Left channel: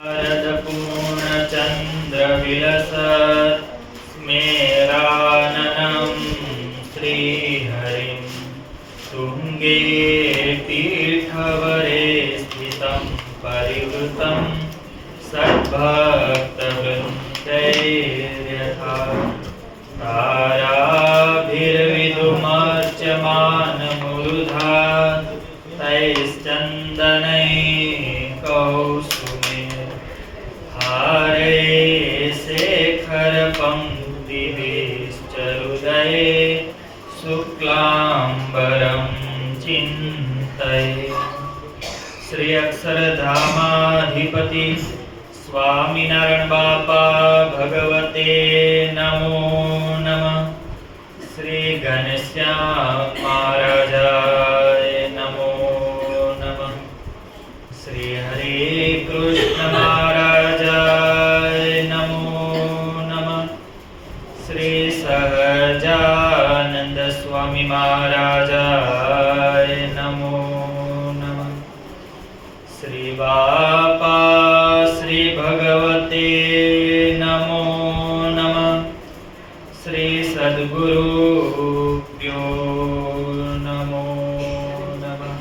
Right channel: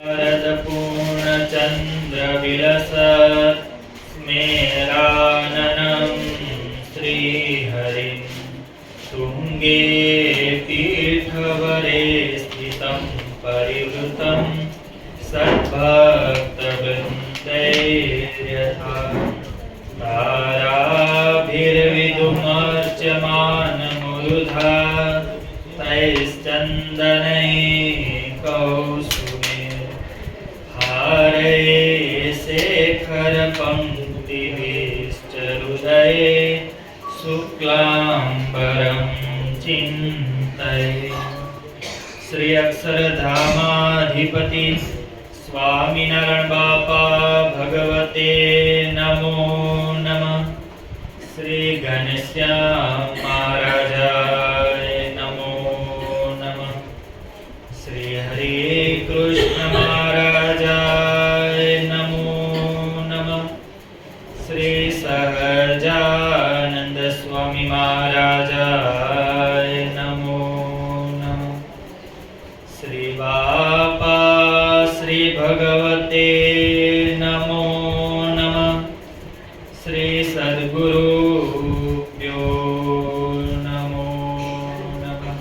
पूर्णचन्द्रविलसत् स्मेराननं श्रीहरिं तुङ्गे पीठवरे स्थितं परिवृतं सद्भक्तवृन्दैर्यथा ताराभिर्विधुमर्च्यमानमुरुधा तैश्चन्दनैकौसुमे शेखर पंक्तिभिश्चरुदये शुक्लांबरं चिन्तये। श्री अक्षरधामाधिपति स्वामीनारायण बापा भगवते नमो नमः। श्री घनश्याम महाराजाय नमो नमः। श्री हरे कृष्ण महाराजाय नमो नमः। श्री सहजानंद स्वामी महाराजाय नमो नमः। श्री बापा श्री भगवते नमो नमः। श्री सद्गुरुभ्यो नमो नमः।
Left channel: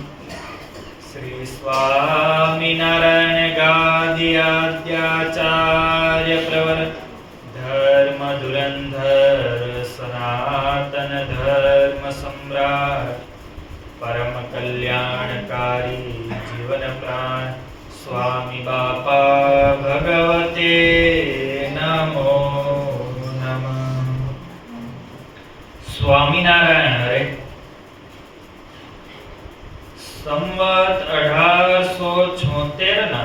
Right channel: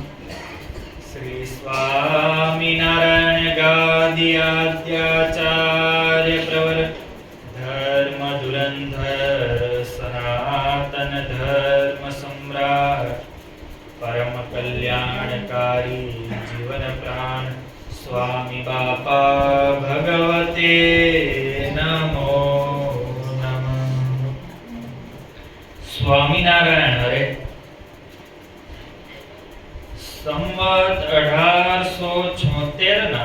श्री स्वामीनारायण गाद्याचार्य प्रवर धर्म धुरंधर सनातन धर्म सम्राट परम कल्याणकारी जीवन प्राण स्वामी बापा भगवते नमो नमः। स्वामीनारायण हरे। संवत 1876 ના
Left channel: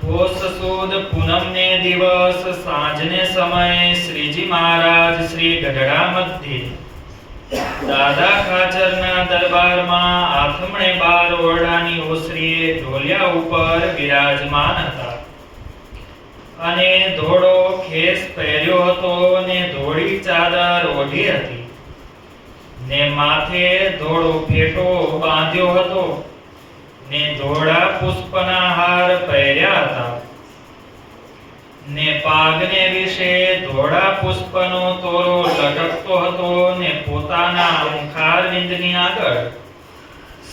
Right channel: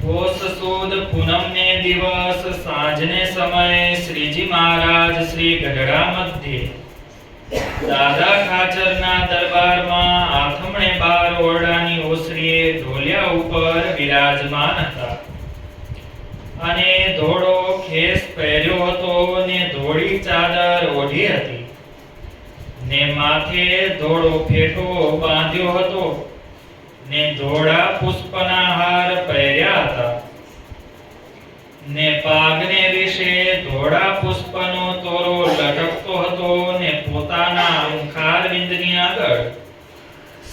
પોષ સુદ પૂનમને દિવસ સાંજને સમયે શ્રીજી મહારાજ શ્રી ગઢડા મધ્યે દાદા ખાચરના દરબારમાં આથમણે બાર ઓરડાની ઓસરીએ ઢોલિયા ઉપર વિરાજમાન હતા અને ધોળો ખેસ પહેર્યો હતો ને ધોળી ચાદર ઓઢી હતી ને માથે ધોળો ફેટો બાંધ્યો હતો ને ધોળા પુષ્પના હાર પહેર્યા હતા ને પાગને વિશે ધોળા પુષ્પનો તોરો લટકતો હતો ને પોતાના મુખારવિંદની આગળ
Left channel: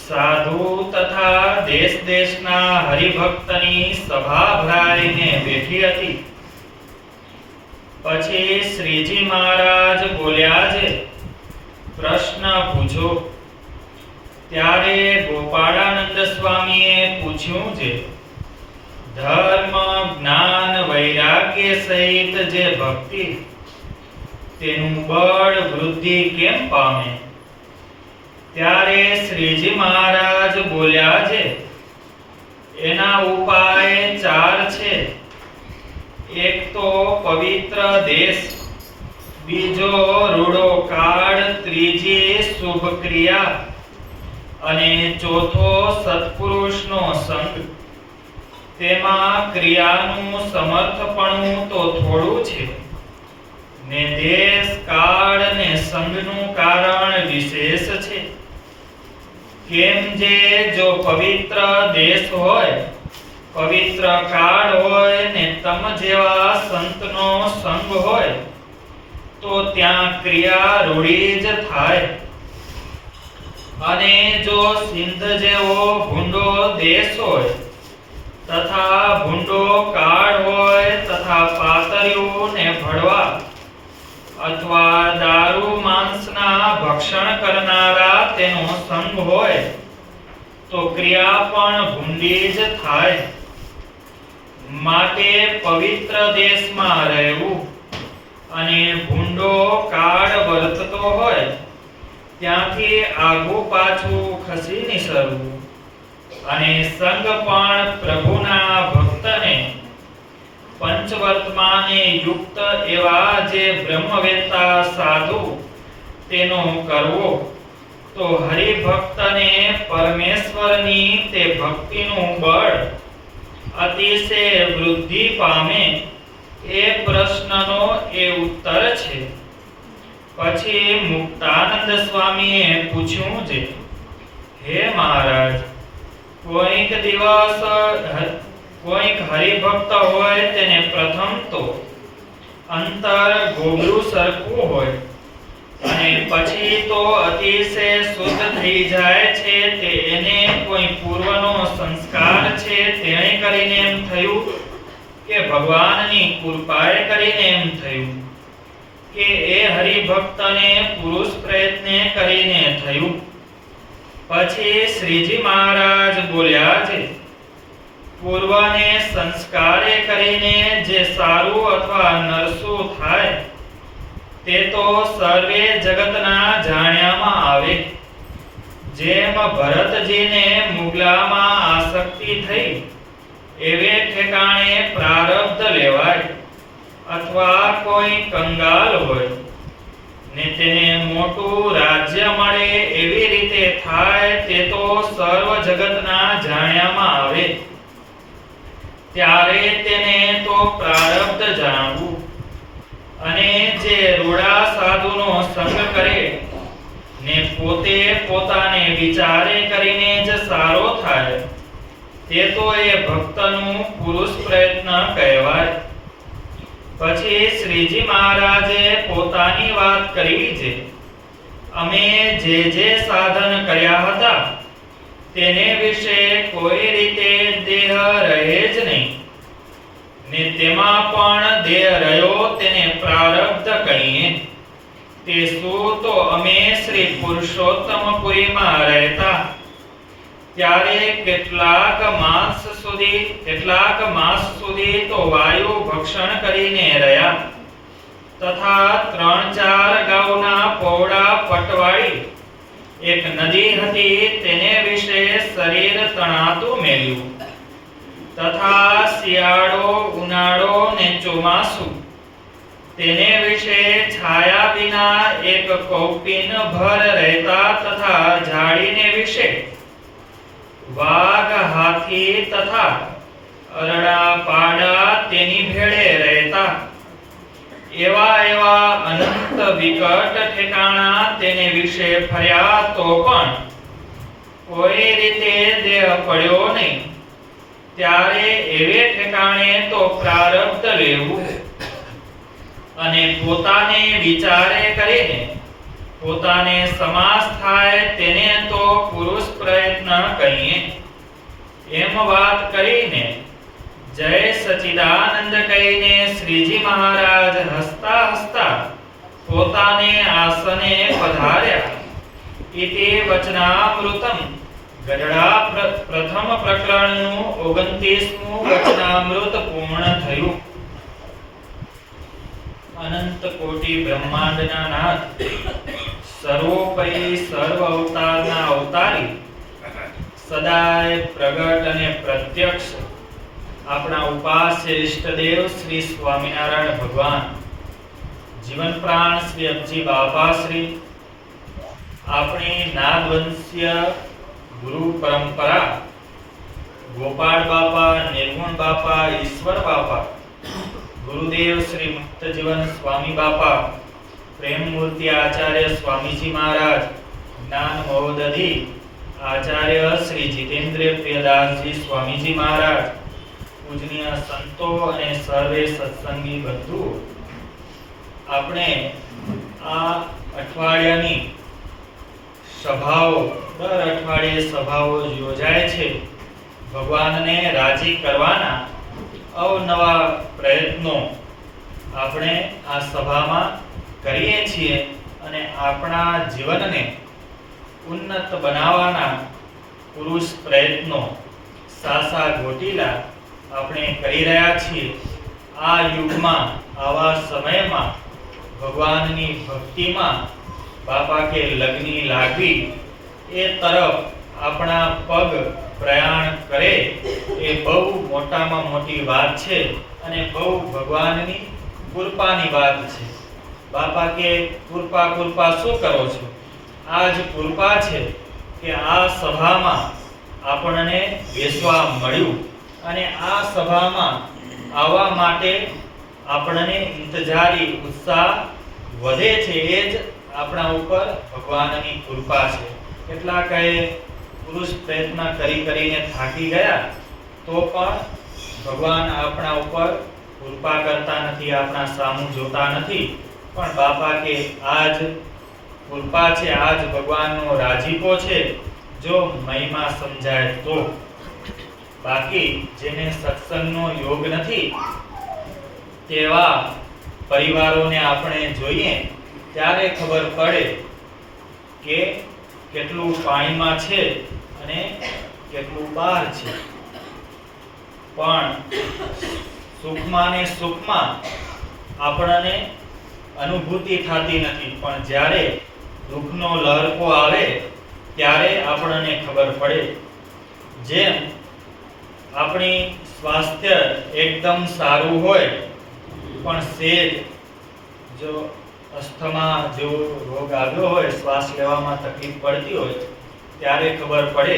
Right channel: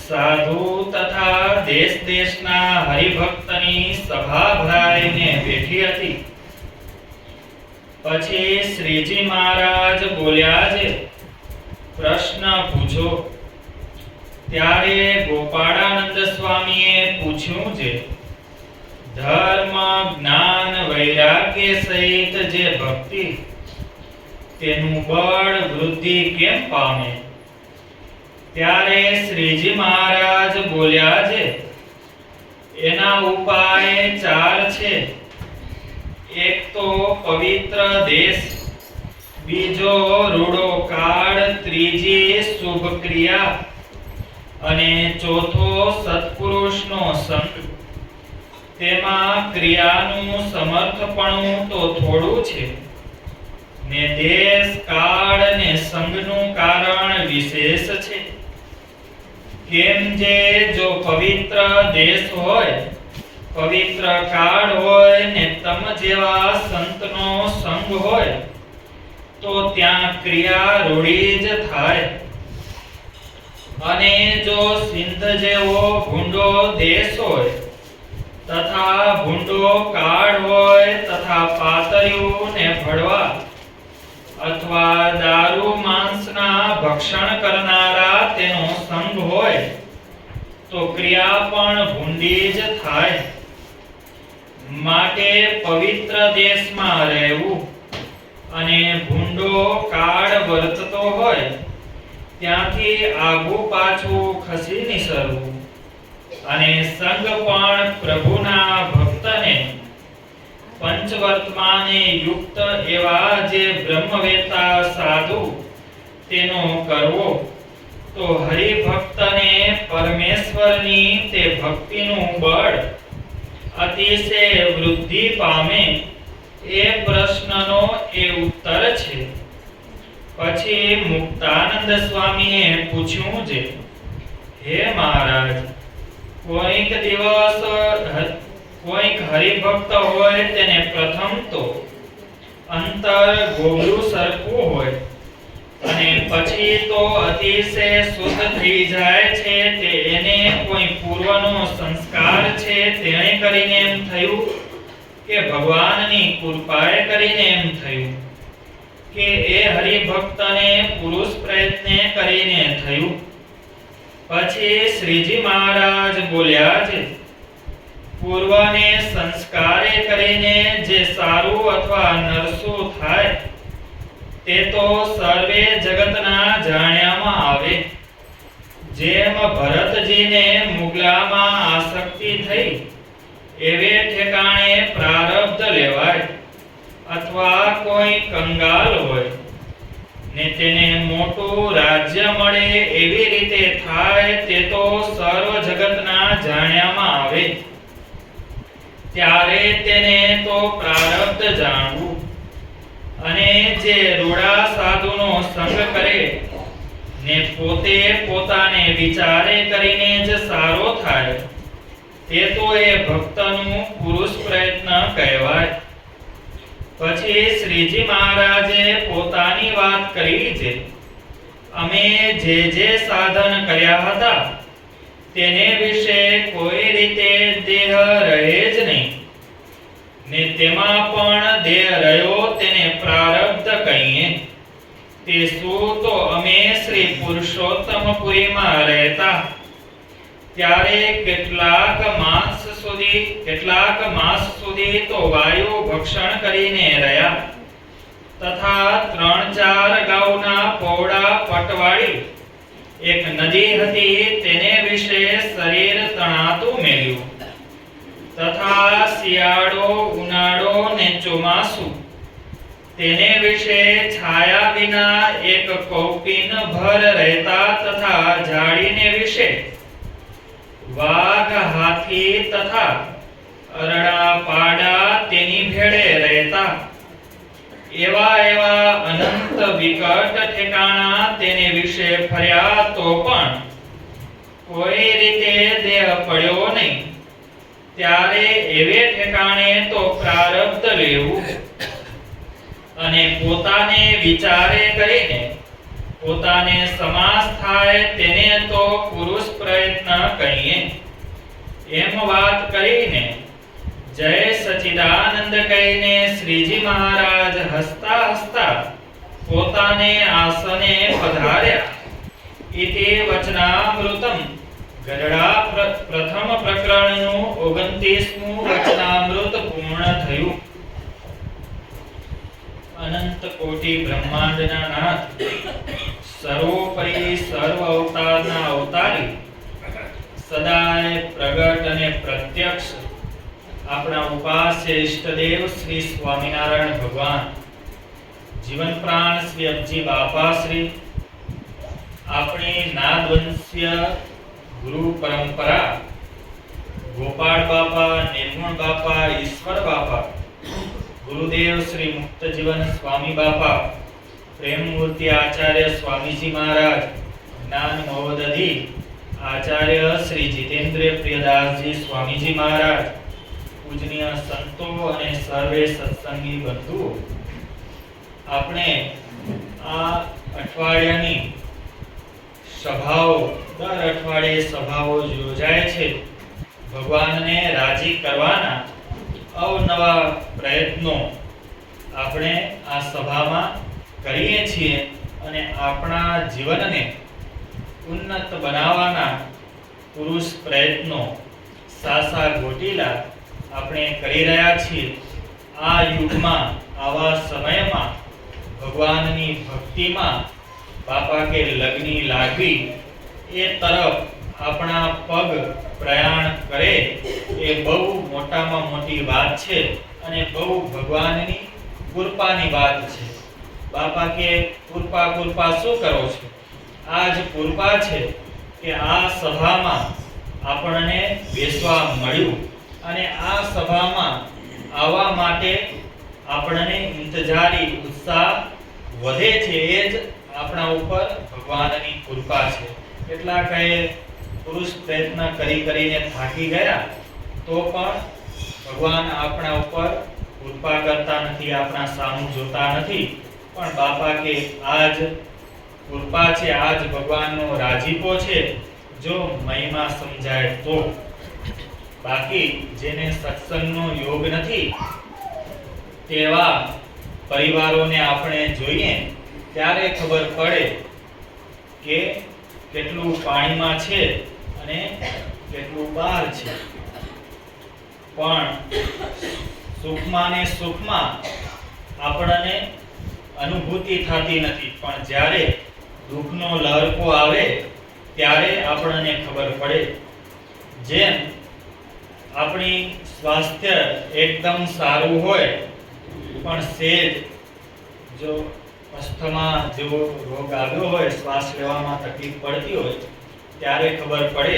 સાધુ તથા દેશ દેશના હરિભક્તની સભા ભરાઈને બેઠી હતી। પછી શ્રીજી મહારાજ બોલ્યા છે, પ્રશ્ન પૂછો। ત્યારે ગોપાળાનંદ સ્વામીએ પૂછ્યું છે, ધર્મ જ્ઞાન વૈરાગ્ય સહિત જે ભક્તિ તેનું બળ વૃદ્ધિ કેમ પામે? ત્યારે શ્રીજી મહારાજ બોલ્યા છે, એના ઉપાય 4 છે। એક તો પવિત્ર દેશ, બીજો રૂડો કાળ, ત્રીજી શુભ ક્રિયા અને ચોથો સત્પુરુષનો સંગ। તેમાં ક્રિયાનું સમર્થપણું તો થોડું છે ને દેશ કાળ ને સંગનું કારણ વિશેષ છે। કેમ જે જો પવિત્ર દેશ હોય, પવિત્ર કાળ હોય ને તમ જેવા સંતનો સંગ હોય તો ત્યાં ક્રિયા રૂઢી જ થાય। અને જો સિંધ જેવો ભૂંડો દેશ હોય તથા ભૂંડો કાળ હોય તથા પાતળિયું ને ભડવા અથવા દારૂ માંસના ભક્ષણ કરનારા તેનો સંગ હોય તો ક્રિયા પણ ભૂંડી જ થાય। માટે પવિત્ર દેશમાં રહેવું અને ભૂંડો કાળ વર્તતો હોય ત્યાંથી આગુ પાછું ખસી નિસરવું અને સંગ પણ પ્રભુના ભક્તને પંચવર્તમાને યુક્ત એવા જે બ્રહ્મવેતા સાધુ તેનો કરવો તો હરિભક્તને પરમેશ્વરની તે ભક્તિનું બળ અતિશય વૃદ્ધિ પામે। એ પ્રશ્નનો એ ઉત્તર છે। પછી મુક્તાનંદ સ્વામીએ પૂછ્યું છે, હે મહારાજ, કોઈક દિવસ કોઈક હરિભક્ત હોય તેને પ્રથમ તો અંતર ગોગલું સરખું હોય અને પછી તો અતિશય શુદ્ધ થઈ જાય છે, તે એને કોઈ પૂર્વનો સંસ્કાર છે તેણે કરીને એમ થયું કે ભગવાનની કૃપાએ કરીને એમ થયું કે એ હરિભક્તને પુરુષ પ્રયત્ને કરીને થયું. પછી શ્રીજી મહારાજ બોલ્યા છે, પૂર્વને સંસ્કારે કરીને જે સારું અથવા નરસું થાય તે તો સર્વે જગતના જાણ્યામાં આવે. જેમ ભરતજીને મુગલામાં આસક્તિ થઈ એવે ઠેકાણે પ્રારબ્ધ લેવાય, અથવા કોઈ કંગાલ હોય ને તેને મોટું રાજ્ય મળે એવી રીતે થાય તે તો સર્વ જગતના જાણ્યામાં આવે. ત્યારે તેને તો પ્રારબ્ધ જાણવું. અને જે રૂડા સાધુનો સંગ કરે ને પોતે પોતાને વિચારે કરીને જ સારો થાય તે તો એ ભક્તનું પુરુષ પ્રયત્ન કહેવાય. પછી શ્રીજી મહારાજે પોતાની વાત કરી છે, અમે જે સાધન કર્યા હતા તેને વિશે કોઈ રીતે દેહ રહે જ નહીં, ને તેમાં પણ દેહ રહ્યો તેને પ્રારબ્ધ કહીએ. તે શું તો અમે શ્રી પુરુષોત્તમપુરીમાં રહેતા ત્યારે કેટલાક માસ સુધી તો વાયુ ભક્ષણ કરીને રહ્યા, તથા 3-4 ગાઉના પૌડા પટવાળી એક નદી હતી તેને વિશે શરીર તણાતું મેલ્યું, તથા શિયાળો, ઉનાળો ને ચોમાસું તેને વિશે છાયા વિના એક કૌપીન ભર રહેતા, તથા ઝાડીને વિશે વાઘ, હાથી તથા અરડા પાડા તેની ભેળે રહેતા. એવા અનંત વિકટ ઠેકાણા તેને વિશે ફર્યા તો પણ કોઈ રીતે દેહ પડ્યો નહીં. ત્યારે એવે ઠેકાણે તો પ્રારબ્ધ લેવું અને પોતાને વિચારે કરીને પોતાને સમાસ થાય તેને તો પુરુષ પ્રયત્ન કહીએ. એમ વાત કરીને જય સચિદાનંદ કહીને શ્રીજી મહારાજ હસતા હસતા પોતાને આસને પધાર્યા. ઇતિ વચનામૃતમ ગઢડા પ્રથમ પ્રકરણનું 29મું વચનામૃત પૂર્ણ થયું. અનંત કોટી બ્રહ્માંડના નાથ, સર્વોપરી સર્વ અવતારના અવતારી, સદાય પ્રગટ અને પ્રત્યક્ષ આપણા ઉપાસ્ય ઇષ્ટદેવ શ્રી સ્વામિનારાયણ ભગવાન, જીવન પ્રાણ શ્રી અબજી બાપા શ્રી, આપણી નાદવંશ્ય ગુરુ પરંપરા ગોપાળ બાપા, નિર્ગુણ બાપા, ઈશ્વર બાપા, ગુરુદેવ શ્રી મુક્ત જીવન સ્વામી બાપા, પ્રેમ મૂર્તિ આચાર્ય સ્વામીજી મહારાજ, જ્ઞાન મહોદધિ આચાર્ય શ્રી જીતેન્દ્ર પ્રિયદાસજી સ્વામીજી મહારાજ, પૂજનીય સંતો અને સર્વે સત્સંગી બંધુઓ, આપણે આ અઠવાડિયાની સભાઓ, દર અઠવાડિયે સભાઓ યોજાય છે. ભગવાનને રાજી કરવાના અવનવા પ્રયત્નો આપણે આ સભામાં કરીએ છીએ અને આપણા જીવનને ઉન્નત બનાવવાના પુરુષ પ્રયત્નો સાસા ગોટીલા આપણે કરી રહ્યા છીએ. આ યુગમાં, આવા સમયમાં ભગવાનની ભક્તિમાં બાપા કે લગ્ની લાગવી એ તરફ આપણા પગ પ્રયાણ કરે એ બહુ મોટામાં મોટી વાત છે અને બહુ ભગવાનની કૃપાની વાત છે. બાપા કે કૃપા શું કરો છો? આ જ કૃપા છે કે આ સભામાં આપણને બેસવા મળ્યું અને આ સભામાં આવવા માટે આપણને ઇંતજારી ઉત્સાહ વધે છે. એ જ આપણા ઉપર ભગવાનની કૃપા છે. કેટલાક પુરુષ પ્રયત્ન કરીને થાકી ગયા તો પણ ભગવાન આપણા ઉપર કૃપા કરતા નથી, આપણા સામું જોતા નથી, પણ બાપા કે આજ કૃપા છે, આજ ભગવાનનો રાજીપો છે, જો મહિમા સમજાય તો. બાકી જેને સત્સંગનો યોગ નથી તેવા પરિવારોને આપણે જોઈએ ત્યારે ખબર પડે કે કેટલું પાણીમાં છે અને કેટલું બહાર છે. પણ સુખમાં ને સુખમાં આપણને અનુભૂતિ થતી નથી, પણ જ્યારે દુઃખનો લહરકો આવે ત્યારે આપણને ખબર પડે. જેમ આપણી સ્વાસ્થ્ય એકદમ સારું હોય પણ સેજ જો અસ્થમા જેવો રોગ આવ્યો હોય, શ્વાસ લેવામાં તકલીફ પડતી હોય, ત્યારે ખબર પડે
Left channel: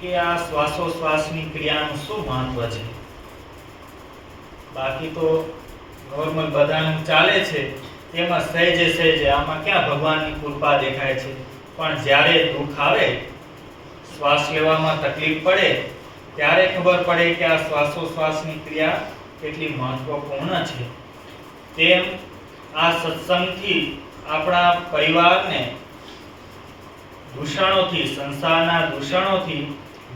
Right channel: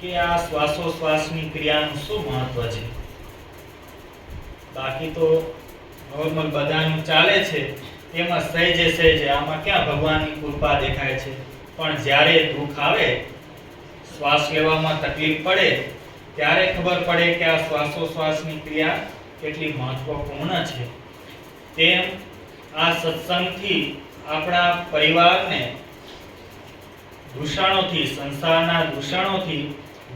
કે આ શ્વાસોશ્વાસની ક્રિયાનું શું મહત્વ છે. બાકી તો નોર્મલ બધાનું ચાલે છે, એમાં સહેજે આમાં ક્યાં ભગવાનની કૃપા દેખાય છે. પણ જ્યારે દુઃખ આવે, શ્વાસ લેવામાં તકલીફ પડે, ત્યારે ખબર પડે કે આ શ્વાસોશ્વાસની ક્રિયા કેટલી મહત્વપૂર્ણ છે. તેમ આ સત્સંગથી આપણા પરિવારને દૂષણોથી, સંસારના દૂષણોથી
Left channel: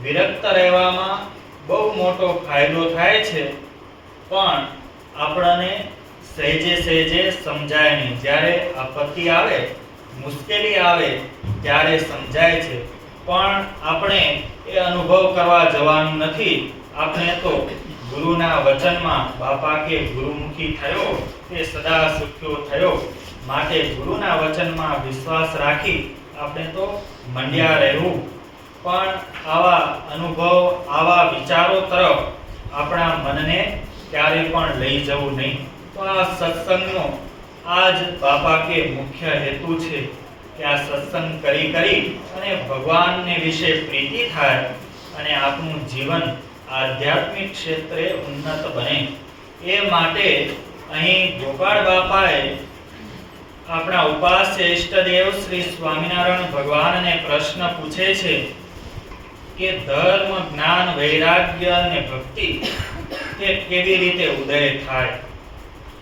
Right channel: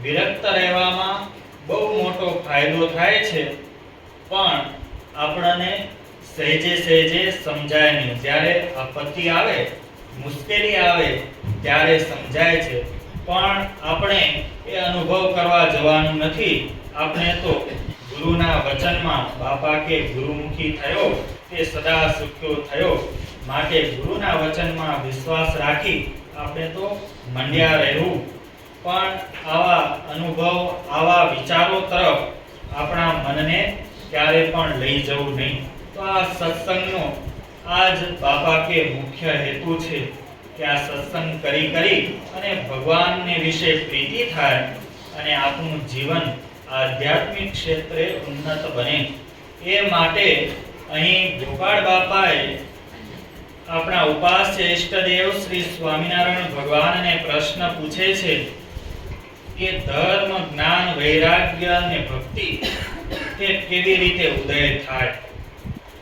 વિરક્ત રહેવામાં બહુ મોટો ફાયદો થાય છે. પણ આપણને સહેજે સમજાય નહીં. જ્યારે આપત્તિ આવે, મુશ્કેલી આવે ત્યારે સમજાય છે, પણ આપણે એ અનુભવ કરવા જવાનું નથી. આપણે તો ગુરુના વચનમાં, બાપા કે ગુરુમુખી થયો તે સદા સુખ્યો થયો, માટે ગુરુના વચનમાં વિશ્વાસ રાખી આપણે તો મંડ્યા રહેવું. પણ આવા અનુભવ, આવા વિચારો તરફ આપણા મનને ક્યારે પણ લઈ જવું નહીં. તો આ સત્સંગનો આજ બાપા કે મુખ્ય હેતુ છે કે આ સત્સંગ કરી અને ભગવાનને વિશે પ્રીતિ થાય અને આપણું જીવન આધ્યાત્મિક ક્ષેત્રે ઉન્નત બને. એ માટે અહીં ગોપાળ બાપાએ આપણા ઉપાસ્ય ઈષ્ટદેવ શ્રી સ્વામિનારાયણ ભગવાનને પ્રશ્ન પૂછે છે કે ધર્મ, જ્ઞાન, વૈરાગ્ય અને ભક્તિ તે કેવી રીતે ઉદય થાય.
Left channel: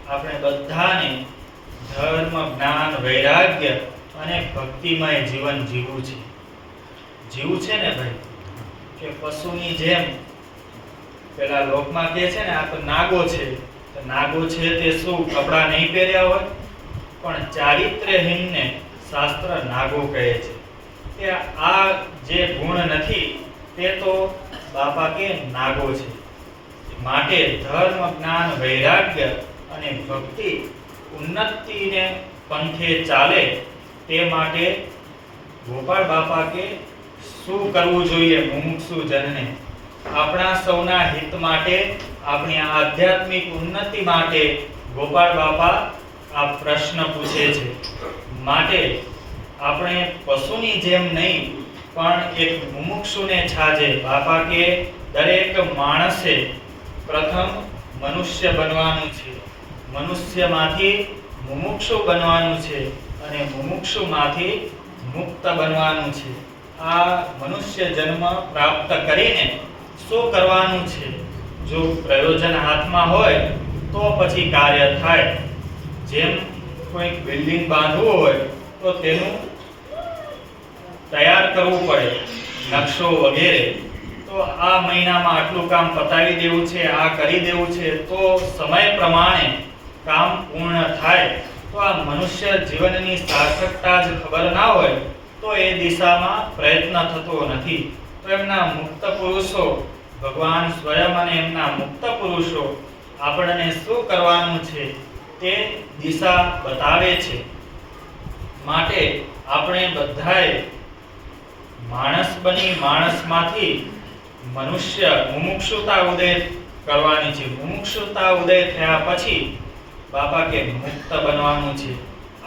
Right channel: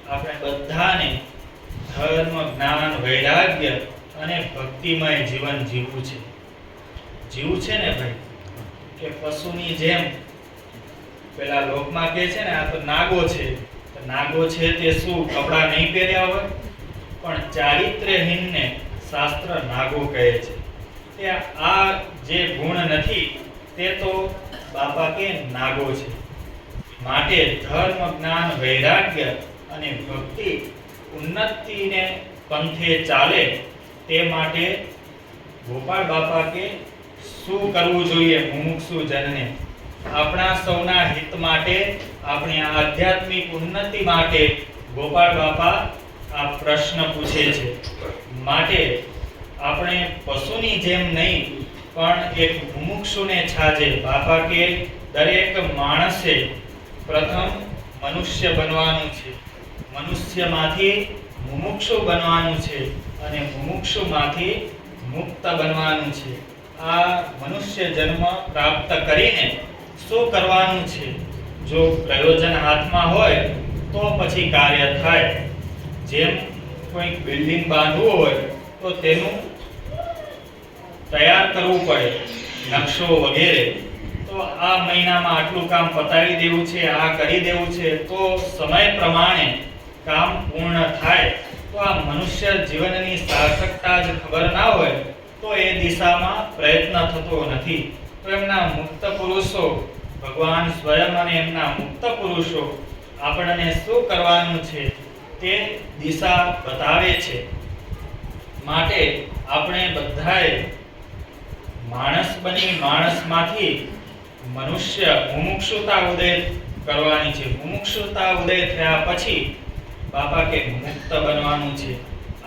આપણે બધાને ધર્મ, જ્ઞાન, વૈરાગ્ય અને ભક્તિમય જીવન જીવવું છે. જીવવું છે ને ભાઈ, કે પશુની જેમ પેલા લોકમાં કહે છે ને, આ તો નાગો છે. તો નાગો છે તે શું કપડા નહીં પહેર્યા હોય? પણ ચારિત્ર્યહીનને શાસ્ત્ર નાગો કહે છે. તે આ જે ગુણ નથી તે તો બાપા કે નાગો છે. માટે ધર્મ, જ્ઞાન, વૈરાગ્ય અને ભક્તિ ઉન્નતિને પંથે ચાલે તે માટે ગોપાળ બાપા કે શું કરવું જોઈએ મુમુક્ષુ જનને. આપણા સૌના હિત માટે, આપણી આધ્યાત્મિક ઉન્નતિ માટે ગોપાળ બાપા આ પ્રશ્ન પૂછે છે. માટે આપણે પશુની જેમ નહીં પણ એક મુમુક્ષુને છાજે. બાપા કે દરેક માણસે પ્રથમ મનુષ્ય બનવાનું છે, મનુષ્યમાંથી મુમુક્ષુ બનવાનું છે અને મુમુક્ષુમાંથી મુક્ત બનવાનું છે. આ મનુષ્ય જન્મ પ્રાપ્ત કરીને શું કરવાનું છે? જો પ્રયોજન હાથમાં હોય તો પછી કાર્ય થાય. જેમ કોઈ બિલ્ડિંગ બાંધવું હોય તો તેનું તૈયાર કરવું પડે, નકશો વગેરે. તો આ મહિનામાં આટલું કામ પતાવી દેવું છે, આ કરી દેવું છે, તો સમય પ્રમાણે કામ પૂર્ણ થાય. તો આ મનુષ્ય જીવનની સાર્થકતા જ ખબર ના હોય તો એ દિશામાં પ્રયત્ન થતો નથી. તો એમના મુક્ત પુરુષો, ભગવાન સ્વયં અને એમના મુક્ત પુરુષો આપણને શું કરવાનું છે તે દિશા બતાવે છે. માટે આપણે બધાએ માણસ બની માણસમાંથી મનુષ્ય મુમુક્ષુતા ઉદય કરવાની છે. મુમુક્ષુતા ઉદય થયા પછી બાપા કે મુક્ત બનવાનું છે.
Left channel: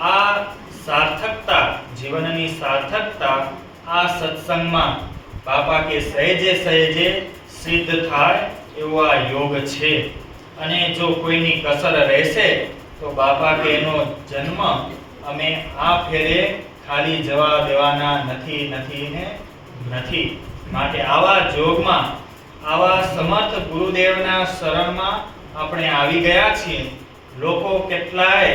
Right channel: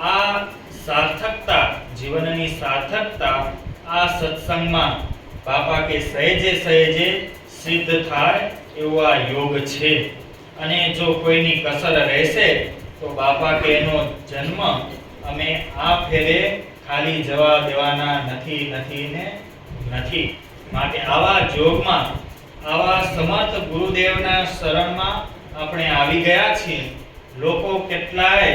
આ સાર્થકતા, જીવનની સાર્થકતા આ સત્સંગમાં બાપા કે સહેજે સિદ્ધ થાય એવો આ યોગ છે. અને જો કોઈની કસર રહેશે તો બાપા કે એનો જન્મ અમે આ ફેરે ખાલી જવા દેવાના નથી. માટે આવા જોગમાં આવા સમર્થ ગુરુદેવના શરણમાં આપણે આવી ગયા છીએ. લોકો કેટલાય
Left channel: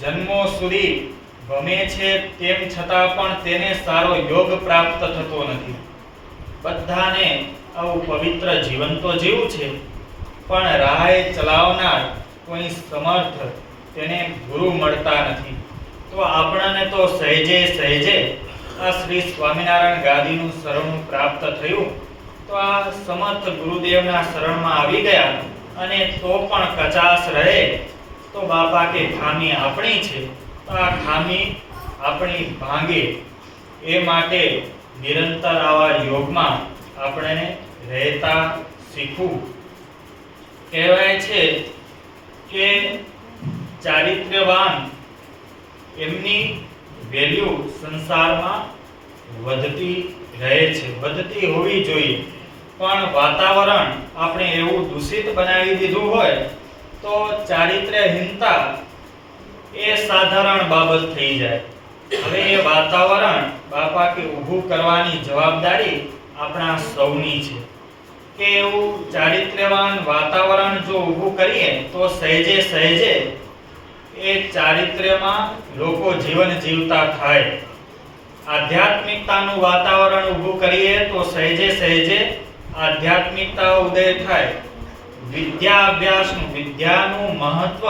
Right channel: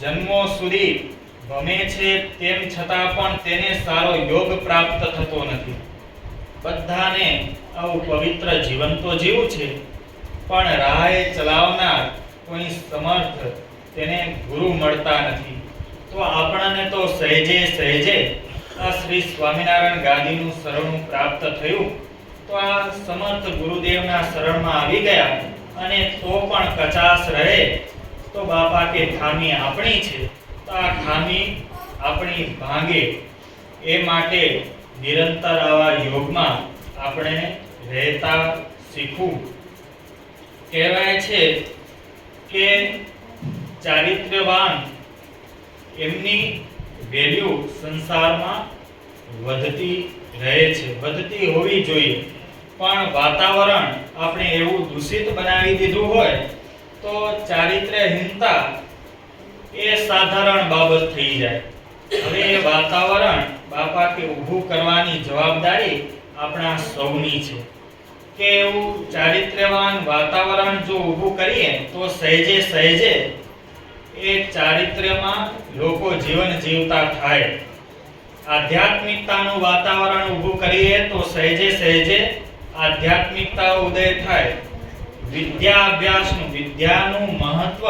જન્મો સુધી ગમે છે તેમ છતાં પણ તેને સારો યોગ પ્રાપ્ત થતો નથી. બધાને આવું પવિત્ર જીવન તો જીવવું છે, પણ રાહ ચલાવનાર કોઈ સમર્થ તેને ગુરુ મળતા નથી. તો આપણને તો સહેજે સહેજે આ શ્રી સ્વામિનારાયણ ગાદીનું શરણું પ્રાપ્ત થયું. તો આ સમર્થ ગુરુદેવના શરણમાં આવી ગયા અને તો પણ કચાશ રહે તો બાપા કે ખામી આપણી છે, તો આ ખામી આપણી ભાંગે એ માટે નિરંતર આવા યોગમાં આપણે રહેતા શીખવું. કહેવાય છે કે ચારિત્ર્યવાન એમની વેલ્યુ સંસારમાં વધતી રહે છે, વધતી હોવી જોઈએ. પણ વાતાવરણ આપણે એવું દૂષિત બનાવી દીધું હોય તો ચારિત્ર્યહીનતા એ સાધારણ બાબત થઈ જાય. હવે એ વાતાવરણ બાપા કે ઊભું કરવાની જવાબદારી આપણા સૌની છે કે એવું ચારિત્ર્યવાન વાતાવરણ જો ઊભું કરીએ તો સહેજે સહેજે એ ચારિત્ર્યમાં લોકો જીવન જીવતા થાય. આધ્યાત્મિકતાનું વાતાવરણ ઊભું કરીએ તો સહેજે સહેજે આધ્યાત્મિકતા ઉદય થાય. વિદ્યા અભ્યાસનું, વિદ્યાનું મહત્વ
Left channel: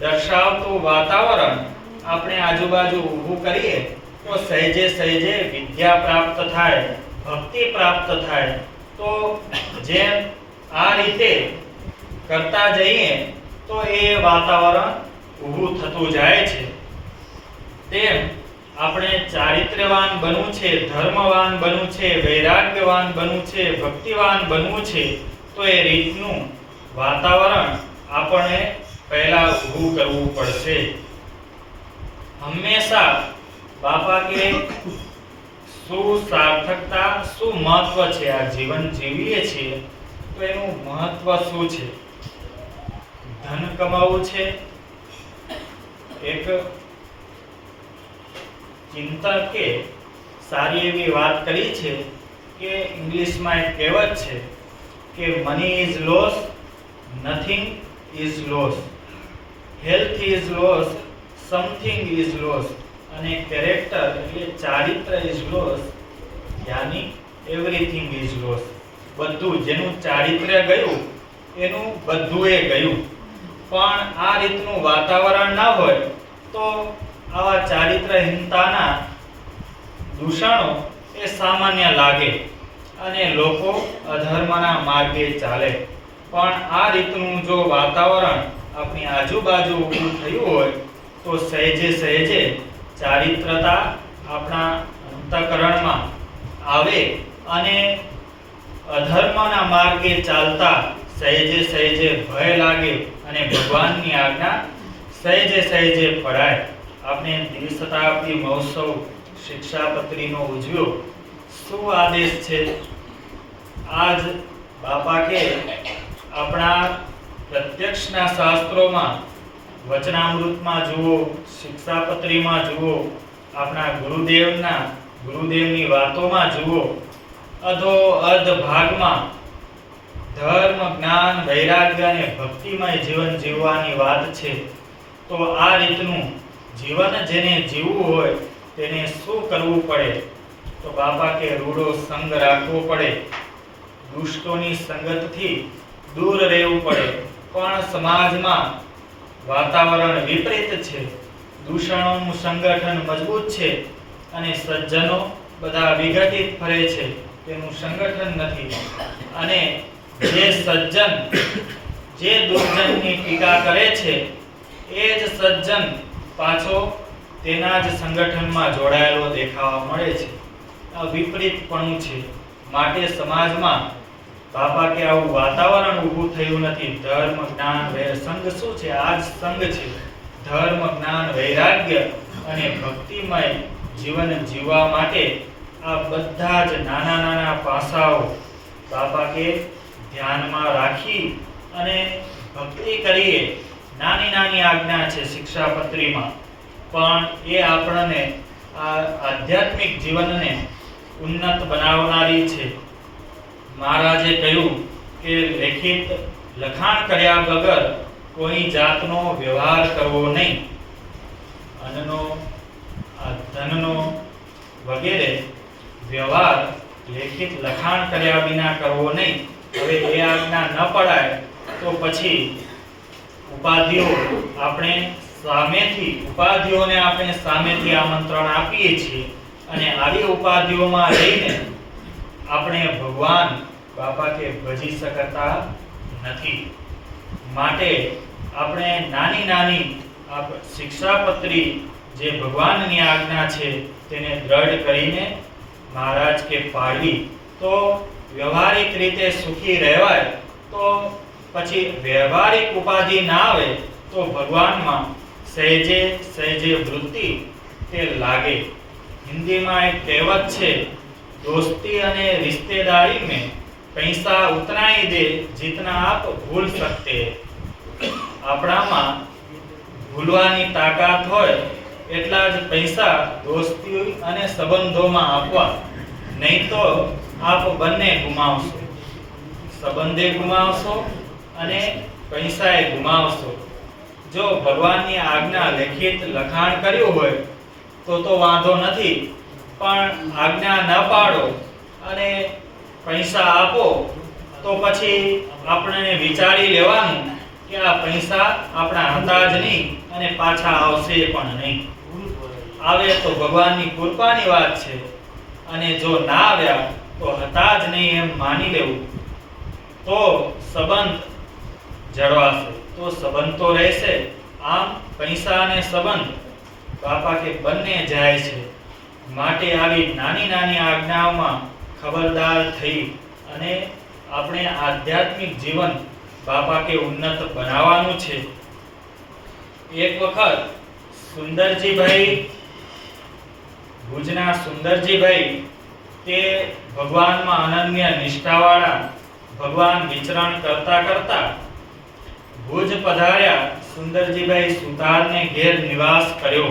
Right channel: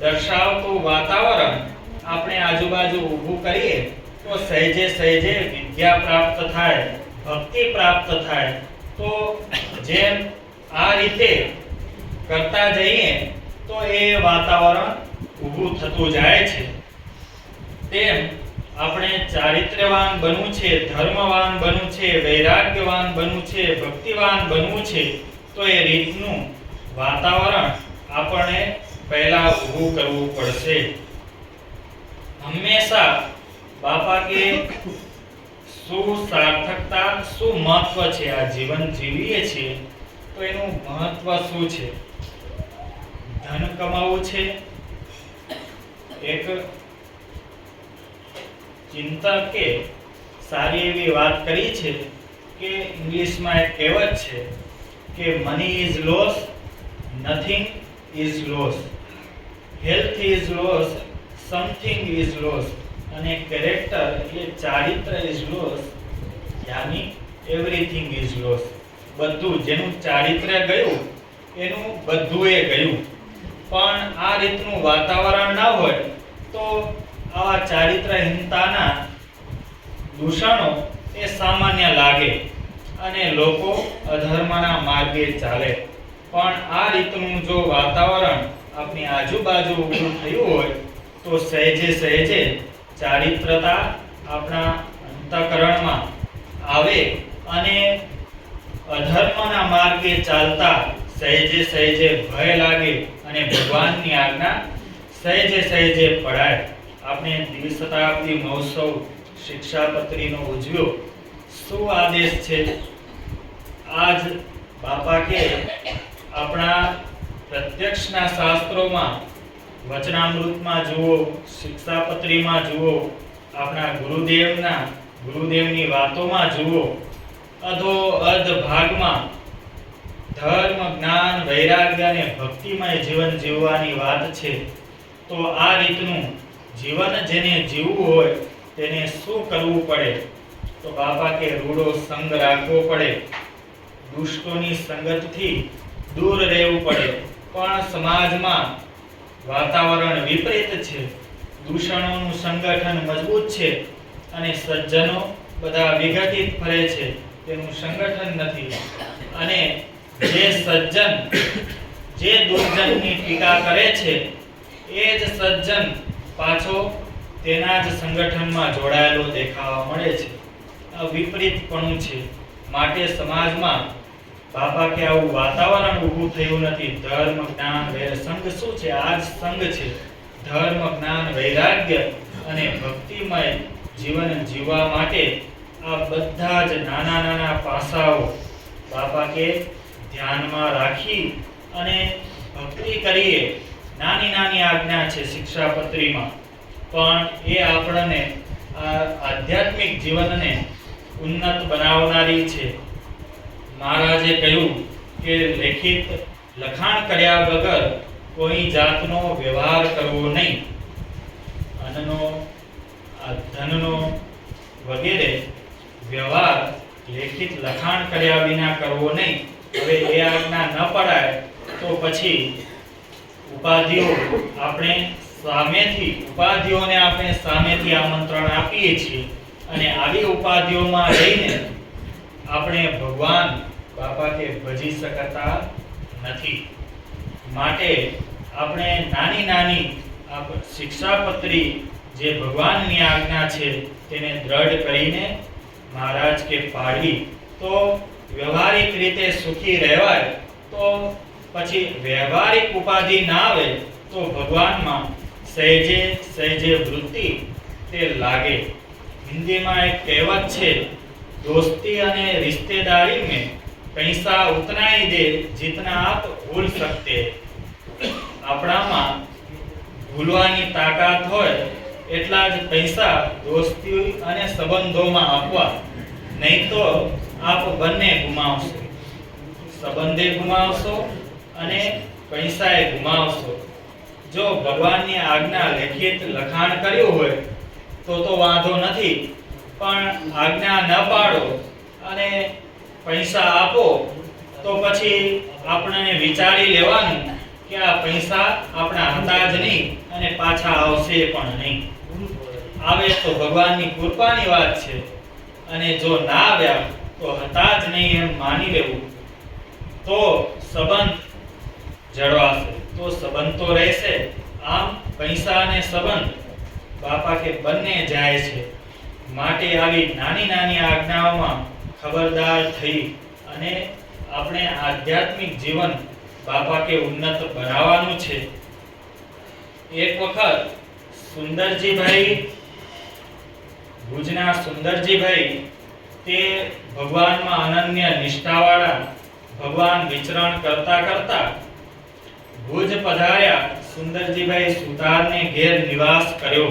દર્શાવતું વાતાવરણ આપણે આજુબાજુ ઊભું કરીએ તો સહેજે સહેજે વિદ્યા પ્રાપ્ત થાય, ભક્તિ પ્રાપ્ત થાય. તો જેમ આ રીતે કરતા જઈએ તો એ વાતાવરણ ઊભું થતું જાય છે. તેમ આપણે ચારિત્ર્યવાન બનવું છે, ધર્મવાન બનવું છે, વૈરાગ્યવાન બનવું છે, ભક્તિવાન બનવું છે, તો એ રીતનું વાતાવરણ આપણે પહેલા ઊભું કરવું પડશે. હંમેશા બાપા કે શું સાર્થકતા, શું મહત્વ છે, આ જીવન જીવીએ છીએ તો એનું મહત્વ શું છે? ધન કમાવું છે. એક ચિંતકે સારી એવી વાત કરી છે કે ઇંગ્લિશમાં એક કહેવત છે કે money is loss, nothing is loss, health is loss, something is loss, અને કેરેક્ટર એટલે ચારિત્ર ઇઝ લોસ, યાની એવરીથિંગ ઇઝ લોસ. બધું જેનું ચારિત્ર્ય ગયું એનું બધું એ ગયું. પણ આ રીતનું વાતાવરણ ના હોય તો આવા ચારિત્રહીનતાના દૂષણો એ સામાન્ય લાગે અને લોકો અધર્મના માર્ગે ચાલે. પણ આ રીતનું જો વાતાવરણ આપણી આજુબાજુ ઊભું થયું હોય તો સહેજે સહેજે ચારિત્રતા આપણા અંતઃકરણમાં આવે અને અધર્મના માર્ગે ચાલતા સહેજે સહેજે ભય લાગે અને ભગવાનની આજ્ઞા સહેજે સહેજે પડાય. આપણે દ્વિશતાબ્દી મહોત્સવ શિક્ષાપત્રીનો ઉજવ્યો. શું આદેશ છે? આજ બાપા કે આપણા પ્રત્યક્ષના શાસ્ત્રોમાં, વચનામૃતમાં જુઓ, શિક્ષાપત્રીમાં જુઓ, આપણા ગુરુદેવની વાતોમાં જુઓ, અધો અધ ભાગમાં ધર્મ, જ્ઞાન, વૈરાગ્ય અને ભક્તિમય જીવન જીવવાની વાત છે. તો આ રીતનું જીવન જેને જીવવું હોય તેને શું કરવું પડે? તો બાપા કે રૂડો સંગ રાખવો પડે, દુષ્ટોની સંગતથી દૂર રહેવું પડે. પણ સમાજમાં વાતાવરણ વિપરીત છે, દૂષણોનું સંગઠન મજબૂત છે અને સજ્જનો બધા વિઘટિત ફરે છે, તેનું સંગઠન નથી. અને જે સજ્જન જે દુર્જનની ટીકા કરે છે એ જ સજ્જન પાછો તેના જ સંગઠનમાં જોડાયેલો દેખાવા મળે છે. આ વિપરીતપણું છે. માટે સમાજમાં બાપા કે આવું વાતાવરણ ઊભું થયું નથી. ધર્મ, જ્ઞાન, સંઘ શું છે? આ જ સંઘ છે. ધર્મ, જ્ઞાન, વૈરાગ્ય અને ભક્તિમય જીવન જીવવા માટે આ બધા જ નાના નાના પાસાઓ બાપા કે ધ્યાનમાં રાખી અને ભક્તિ કરીએ. નાની નાની આજ્ઞા છે શિક્ષાપત્રીમાં, પણ એ આપણને આ આધ્યાત્મિક જીવનને ઉન્નત બનાવનારી છે. મહારાજે કહ્યું કે લેખિત લખાણ કર્યા વગર કોઈ જાતનો વ્યવહાર કરવો નહીં. અન્નનો, ધનનો વગેરે વ્યવહાર લેખિત લખાણ કર્યા વિના કરવો નહીં. હવે એ આજ્ઞા ન પડાય તો પછી ઉપાધિઓને આપણે સામેથી આમંત્રણ આપીએ છીએ અને આવી ઉપાધિઓમાં રહીને આપણે ભગવાન બાપા કે ભજી શકતા નથી. માટે આપણે નાની નાની શિક્ષાપત્રી જે ભગવાનની આજ્ઞા છે તેને દ્રઢ કરીને મહારાજ કે પાડવી તો વ્યવહારિક રીતે સુખી રહેવાય. તો પછી વ્યવહારિક ઉપાધિ ના આવે તો ભગવાનમાં સહેજે સહેજે વૃત્તિ તે લાગે. હિન્દીમાં એક કહેવત છે, दोस्ती અને रिश्तेदारी में पैसा उतना ही दे जितना आप भूल सकते हैं. આપણામાં ભૂલવાની તાકાત હોય એટલા જ પૈસા દોસ્તી અને સંબંધોમાં આપવા, નહીં તો આપ બંને ગુમાવશો. સંબંધે ગુમાવશો અને પૈસાએ ગુમાવશો. જો ભગવાનની આજ્ઞા લેખિત લખાણ કર્યું હોય તો વાંધો નથી, પણ આજ્ઞા ન પાડો અને પૈસા આપો તો પછી આપણે વિચારી લેવાનું કે આ પૈસા આપણા હતા જ નહીં અને પાછા આવશે પણ નહીં. આવે તો ભગવાનની કૃપાની વાત છે, અને જો ના આવ્યા તો હતા જ નહીં એમ માની લેવું. તો સંબંધ જળવાશે, તો સંબંધ તો રહેશે. આમ પૈસા અને સંબંધ બાપા કે બંને જાય છે. માટે આવી નાની નાની આજ્ઞાઓમાં ખબરદાર થઈ અને આપણે આધ્યાત્મિક જીવન બાપા કે ઉન્નત બનાવવાનું છે. એક વખત સુંદરજીભાઈ, ભુજના સુંદરજીભાઈ તે ભગવાનમાં અનન્ય નિષ્ઠાવાળા, ભગવાન વિચરણ કરતા કરતા ભુજ પધાર્યા. સુંદરજીભાઈ સુતારને ઘેર નિવાસ કર્યો.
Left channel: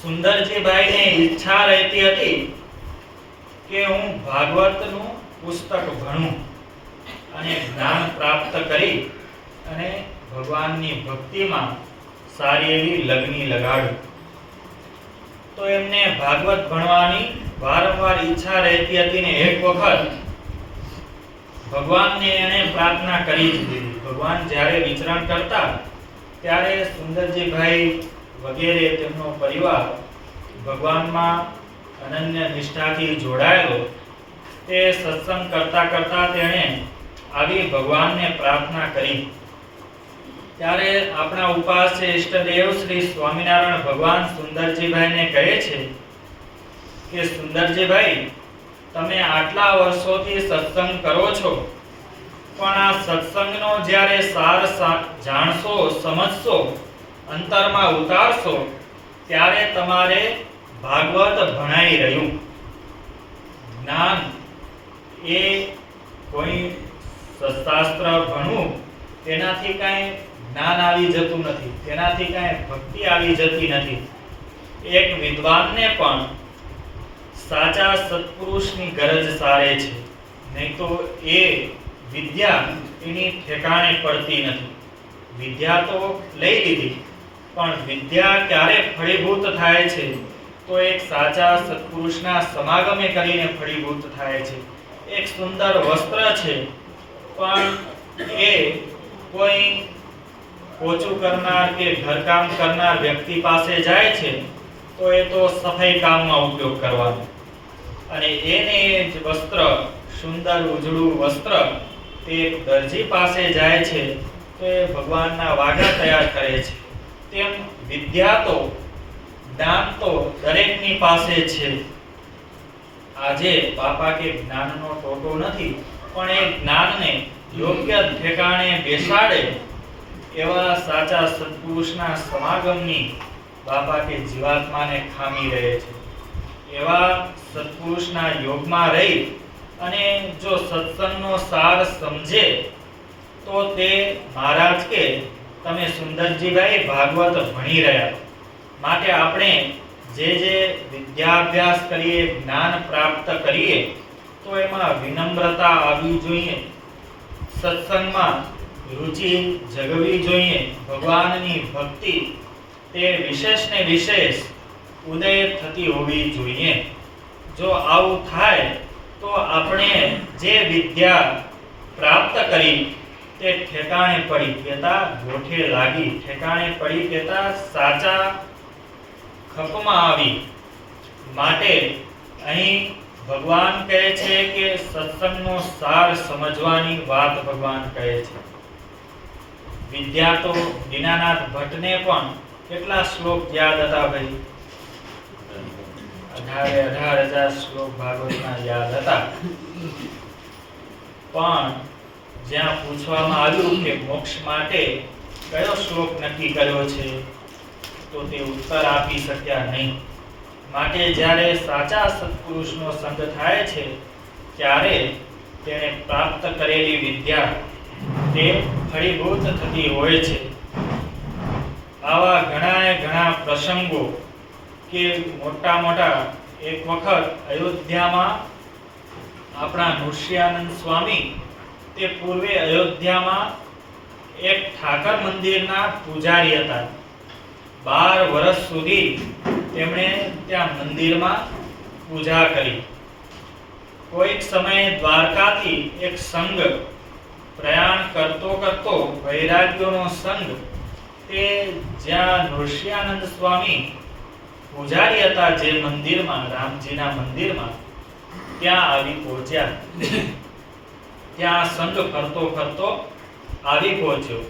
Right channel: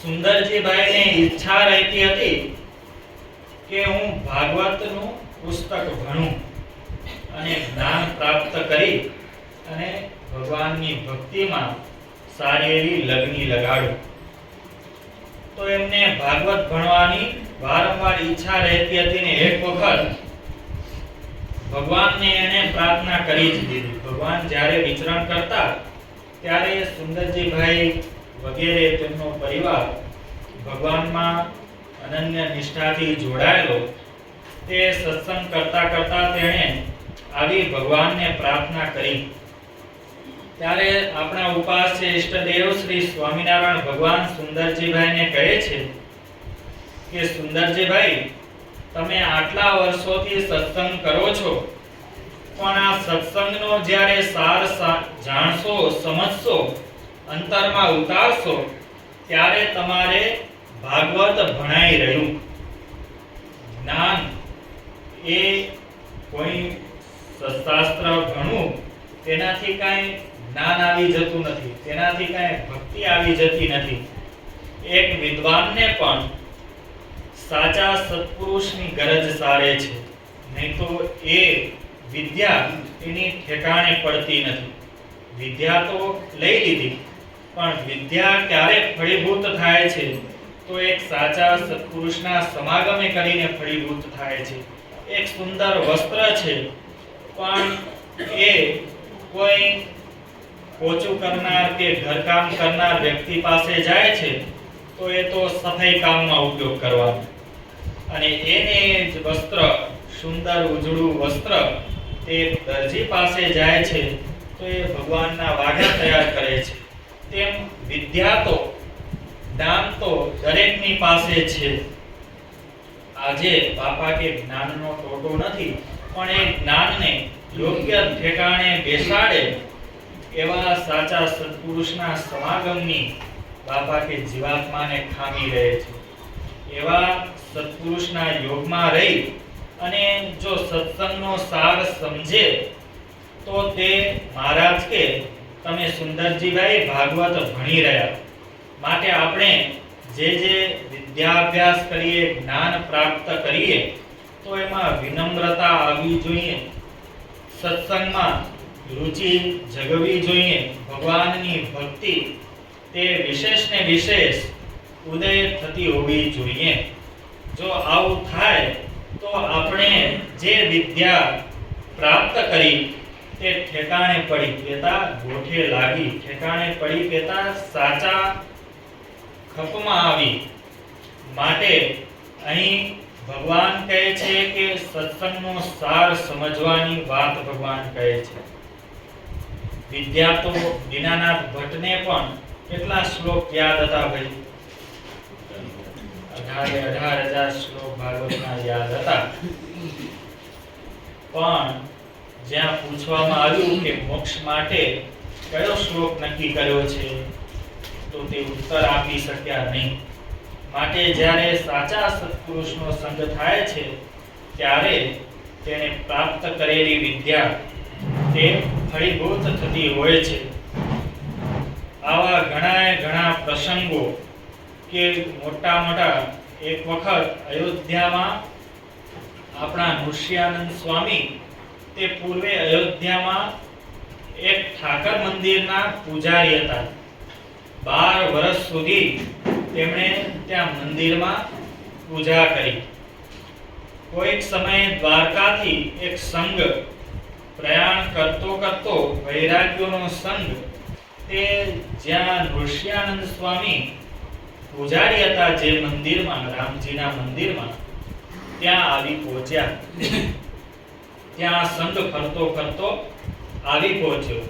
સુંદરજીભાઈને ઈચ્છા રહેતી હતી કે હું ભાગવતનું પુસ્તક ભણું અને જ્ઞાન પ્રાપ્ત કરી અને ભગવાનની ભક્તિમાં સારી એવી લગ્ની લગાડું. તો એમને ભાગવત ભણવાની વારંવાર ઈચ્છા રહેતી હતી ને એક વખત ભગવાનને એને પ્રાર્થના કરી દીધી. ભગવાન જ્યારે વિચરણ કરતા ત્યારે સુંદરજીભાઈ વગેરે તેમનો પરિવાર ભગવાનમાં અનન્ય નિષ્ઠાથી જોડાયેલો. તે સત્સંગ કરતા કરતા તેણે આવી ભગવાનને પ્રાર્થના કરી. ત્યારે આપણા ઉપાસ્ય ઈષ્ટદેવ શ્રી સ્વામિનારાયણ ભગવાન સુંદરજીભાઈને કહે છે કે સુંદરજીભાઈ, તમે આટલા વર્ષોથી સત્સંગ કરો છો, પણ આ સત્સંગનો જ્યારે સાર જાણશો, સમજશો, અંતરમાં ઉતારશો, ત્યારે તમારે ભાગવત ભણાઈ રહ્યું. જ્ઞાન એ કોઈ શાસ્ત્ર ભણવું તેનાથી કાંઈ જ્ઞાન આવી જતું નથી, તેનાથી કાંઈ ભક્તિ આવી જતી નથી. એક વિદ્વાનને પણ સાચા સત્પુરુષની ગરજ સારે છે, નહીં તો એ વિદ્યા એની ઠેકાણે પડતી નથી. વિદ્યા તો લઈ લીધી, પણ વિદ્યા ક્યારે ફળીભૂત થાય છે તો એક સાચા સત્પુરુષના સમાગમે કરીને ફળીભૂત થાય છે. એક સુંદર વસ્ત્ર છે, પણ એ કોઈ પોચું કરનાર કે ઘરકામ કરનાર વ્યક્તિ પાસે જાય છે તો એ તો સફાઈ કામમાં ઉપયોગ કરવાનો, અને એને જ વસ્ત્ર, સુંદર ઉજળું વસ્ત્ર તે દરજી પાસે જાય છે તો એ ભગવાનના વાઘા તૈયાર કરે છે. તેમ વિદ્યા તો, જ્ઞાન તો દરેકની પાસે છે. આજે બાપા કે જ્ઞાનનો ટોટો નથી, પણ એ જ્ઞાનને યોગ્ય ઠેકાણે બેસાડે એવા સાચા સત્પુરુષના સમાગમની બાપા કે જીવાત્માને ખામી રહે છે. એવા સત્પુરુષના યોગમાં રહી અને જો સત્સંગનો સાર સમજે તો તે મહારાજ કે તમે સુંદરજીભાઈ ભાગવત ભણી રહ્યા. માટે આપણે જે વિદ્યાભ્યાસ કરીએ, જ્ઞાન પ્રાપ્ત કરીએ, તો એમાં વિનમ્રતા આવવી જોઈએ, સત્સંગમાં રુચિ જગવી જોઈએ, ભગવાનની ભક્તિ તે વિશેષ ને વિશેષ ઉદય થતી હોવી જોઈએ. જો આવું થાય તો આપણે જે વિદ્યા પ્રાપ્ત કરી તે ઠેકાણે પડી કેતા ગોઠે લાગી, ઠેકાણે પડી કેતા સાચા ખપમાં આવી. માટે અહીં ભગવાન કહે છે કે સત્સંગનો સાર સમજવાની વાત ભગવાન કહે છે. વિદ્યા તો દીનાનાથ ભટ્ટને પણ કેટલા શ્લોક યાદ હતા ભાઈ? 18,000 શ્લોક ભાગવતના યાદ હતા. પણ જ્યાં પૂછવામાં આવ્યું કે મોક્ષ માટે કયો શ્લોક નક્કી કર્યો છે તો તે ઉત્તર આપી શક્યા નહીં. માટે જ્યારે સાચા સત્પુરુષનો સંગ થાય છે ત્યારે તેને પ્રાપ્ત કરેલી વિદ્યા તે ફળીભૂત થતી હોય છે. આવા ઘણા પ્રસંગો કે મોટા એક વખત અયોધ્યામાં આપણા નૃસિંહાનંદ સ્વામી તે પૂર્વે અયોધ્યામાં એક ઠાકર મંદિરના પૂજારી હતા. 12 વર્ષ સુધી તેમણે ત્યાં મંદિરમાં પૂજા કરી. કોઈક સમયે દ્વારકાથી એક સંઘ પ્રયાણ કરતો વૈરાગ્યોનો સંઘ તે જ્યાં નૃસિંહાનંદ સ્વામી પૂજારી હતા જે મંદિરમાં, રામજીના મંદિરમાં, ત્યાં આવી પહોંચ્યા. ત્યાં સંઘ ફરતો આવી પહોંચ્યો.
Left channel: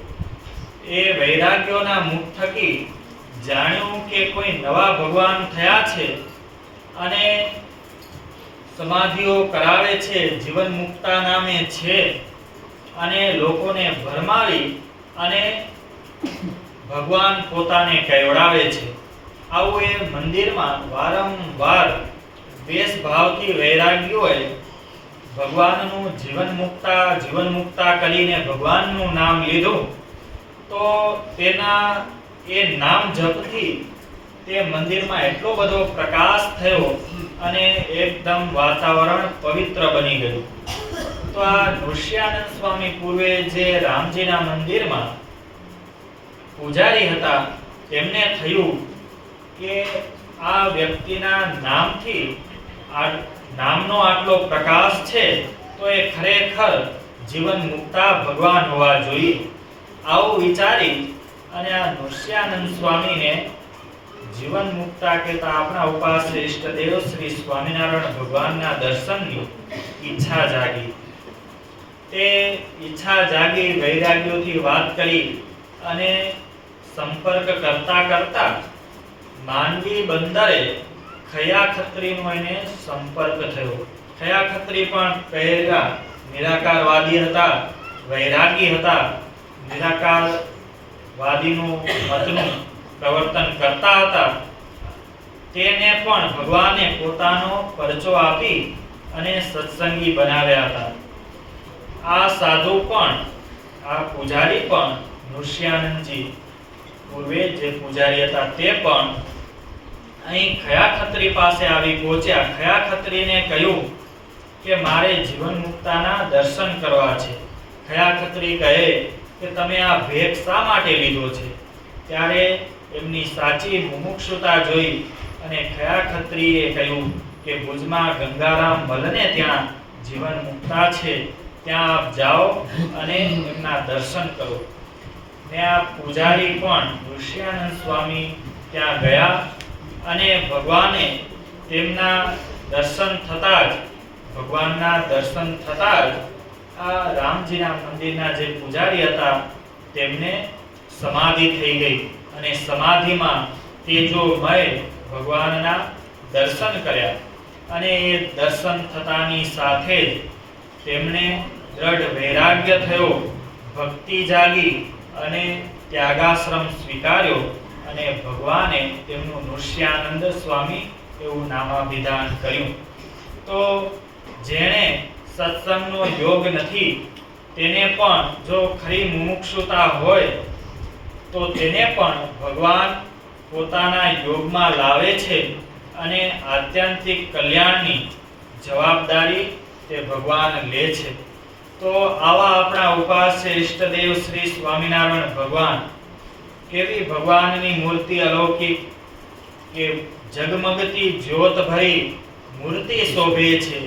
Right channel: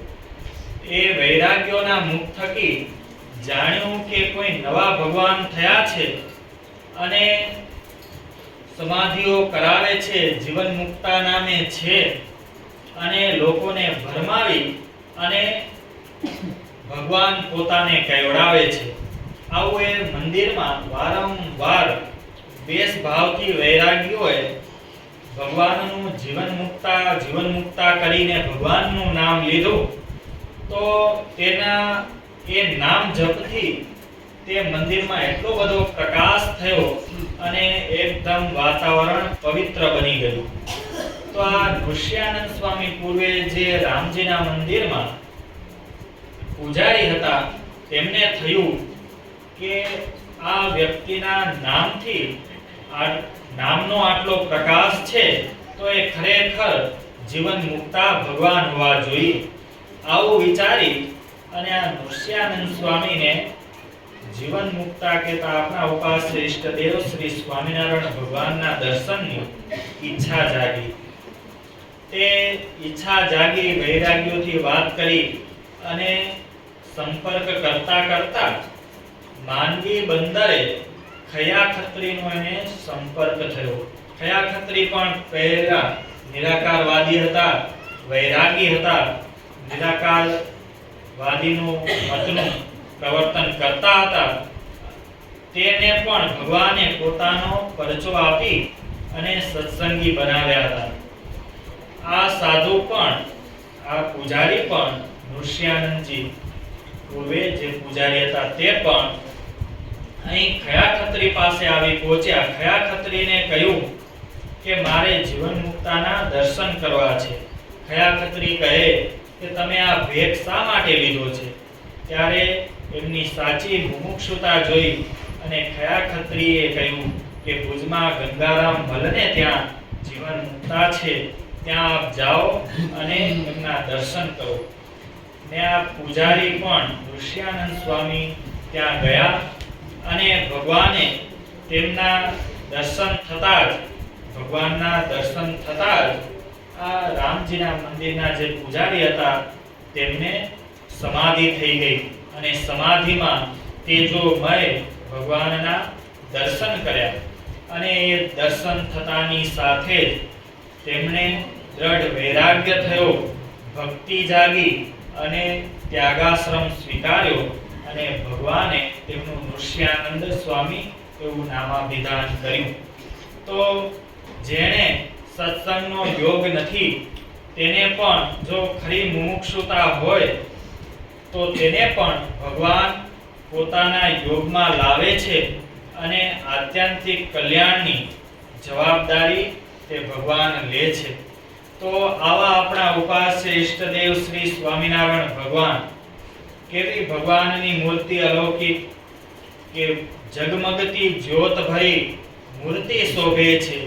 એ વૈરાગ્યોના મુખ થકી જાણ્યું કે કોઈ નવા ભગવાન થયા છે અને સમાધિઓ કરાવે છે, જીવન મુક્તા નામે છે અને લોકોને ભરમાવી અને ભગવાન પોતાને કહેવડાવે છે. આવું એ મંદિરમાં વારંવાર બેસ ભાવથી વૈરાગ્યોએ ભગવાનનું જીવન મુક્તા કરીને ભગવાનનું નામ લીધું. તો તેના એ નામ જપથી તે મંદિરમાં એટલો બધો પ્રકાશ થયો અને એકદમ વાતાવરણ પવિત્ર બની ગયું. તો આ નૃસિંહાનંદ સ્વામી પૂર્વે જે રામજીના મંદિરમાં પૂજારી હતા તેમને થયું કે આ વ્યક્તિના નામથી નામનો આટલો પ્રકાશ છે તો એ ખરેખર જીવન મુક્તા ભગવાન હોવા જોઈએ. આવું વિચારી અને આ નૃસિંહાનંદ સ્વામીને જીવન મુક્તા કહેતા આપણા ઉપાસ્ય ઈષ્ટદેવ શ્રી સ્વામિનારાયણ ભગવાનના દર્શનની ઈચ્છા જાગી. તે ઈચ્છા જાગી, વૈરાગ્યોથી વાત કરી અને સંપર્ક કરતા માંડવી બંદરે ખયા ખત્રીનો એને સંપર્ક થયો. ખયા ખત્રી પણ પહેલા નિરાકારવાદી હતા, વૈરાગી હતા. નિરાકારવાદીનું મતનું પ્રવર્તન કરતા હતા. તેને પણ ભગવાને પોતાનો પરચો આપી અને સત્સંગી બનાવ્યા હતા. આ સાધુ પણ, આ પૂજારી પણ, નૃસિંહાનંદજી પૂર્વે જે પૂજારી હતા તે પણ અહીં ખયા ખત્રી પાસે આવી પહોંચ્યા. ખયા ખત્રીને કહ્યું કે મારે જીવન મુક્તાના દર્શન કરવા છે. ખયા ખત્રી કહે કે તમે આ ભેટ શા માટે લીધો છે? ત્યારે એમની સાચી મુમુક્ષુતા જોઈ અને ખયા ખત્રીએ કહ્યું કે ભુજમાં ગંગારામ મલને ત્યાં જીવન મુક્તા છે, ત્યાં આપ જાઓ અને એમના દર્શન કરો. ને આ પૂજારી પણ નૃસિંહાનંદ સ્વામી ત્યાં ગયા અને ભગવાને તેમના દર્શન થતા જ આ રામજીના મંદિરના જે પૂજારી હતા તેમને સમાધિ થઈ ગઈ અને સમાધિમાં તેજોમય ભગવાનના દર્શન કર્યા. અને એ દર્શન થતાની સાથે જ તેમને દ્રઢ વૈરાગ્ય થયો, ભક્તિ જાગી અને ત્યાગાશ્રમ સ્વીકાર્યો અને ભગવાને તેમનું નૃસિંહાનંદ સ્વામી એવું નામાભિધાન કર્યું. તો જેણે સત્સંગનો યોગ નથી તેને પણ જો ખરી મુમુક્ષુતા હોય તો તેને પણ ભગવાન પોતાના યોગમાં લાવે છે અને આત્યંતિક કલ્યાણની જવાબદારી તે ભગવાન લે છે. તો આવા આપણા ઉપાસ્ય ઈષ્ટદેવ શ્રી સ્વામિનારાયણ ભગવાન, કેવી ભગવાનની મૂર્તિ અલૌકિક કે જગમગતી જ્યોત ભરી મૂર્તિ શોભે છે.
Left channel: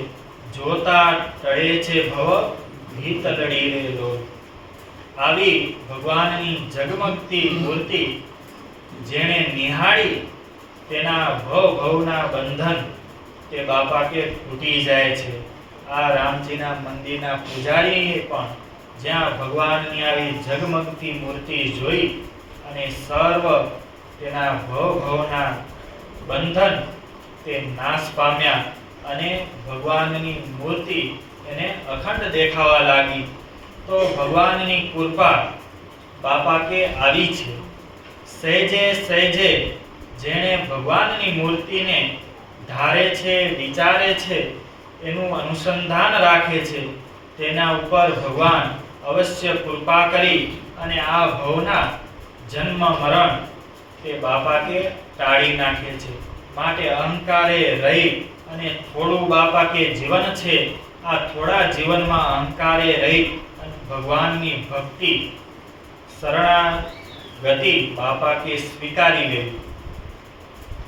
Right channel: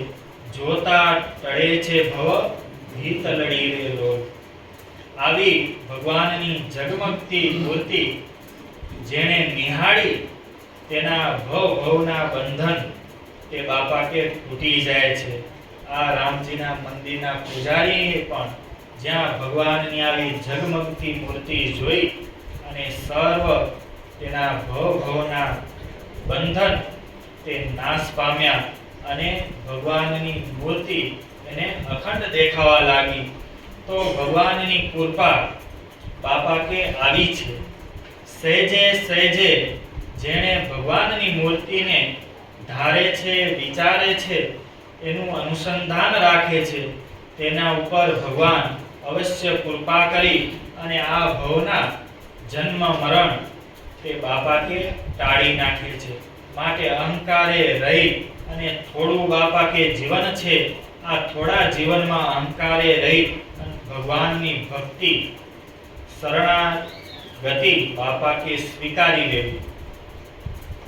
જોતા ટળે છે ભવ ભીત લડી રેલો. આવી ભગવાનની જગમગતી મૂર્તિ જેણે નિહાળી તેના ભવના બંધન તે બાપા કે તૂટી જાય છે. આ રામજીના મંદિરના પૂજારીએ પણ જ્યાં ભગવાનની આવી ઝગમગતી મૂર્તિ જોઈ અને સર્વ તેના ભવના બંધન તે નાશ પામ્યા અને ભગવાનની મૂર્તિ એને અખંડ દેખાવા લાગી. તો ભગવાનની કૃપા બાપા કે આવી છે. સહેજે સહેજે જેણે ભગવાનની મૂર્તિને ધારે છે, વિચારે છે, એનું અનુસંધાન રાખે છે, તેના ઉપર ભગવાન અવશ્ય કૃપા કરી અને આ ભવના જન્મ મરણ તે બાપા કે ટાળી નાખે છે. માટે અહંકારે રહી અને થોડું બાપા કે જીવન છે, આ થોડા જીવનમાં અહંકારે રહી અને ભગવાનની ભક્તિ શરણાગતિ બાપા કે સ્વીકારી લેવી.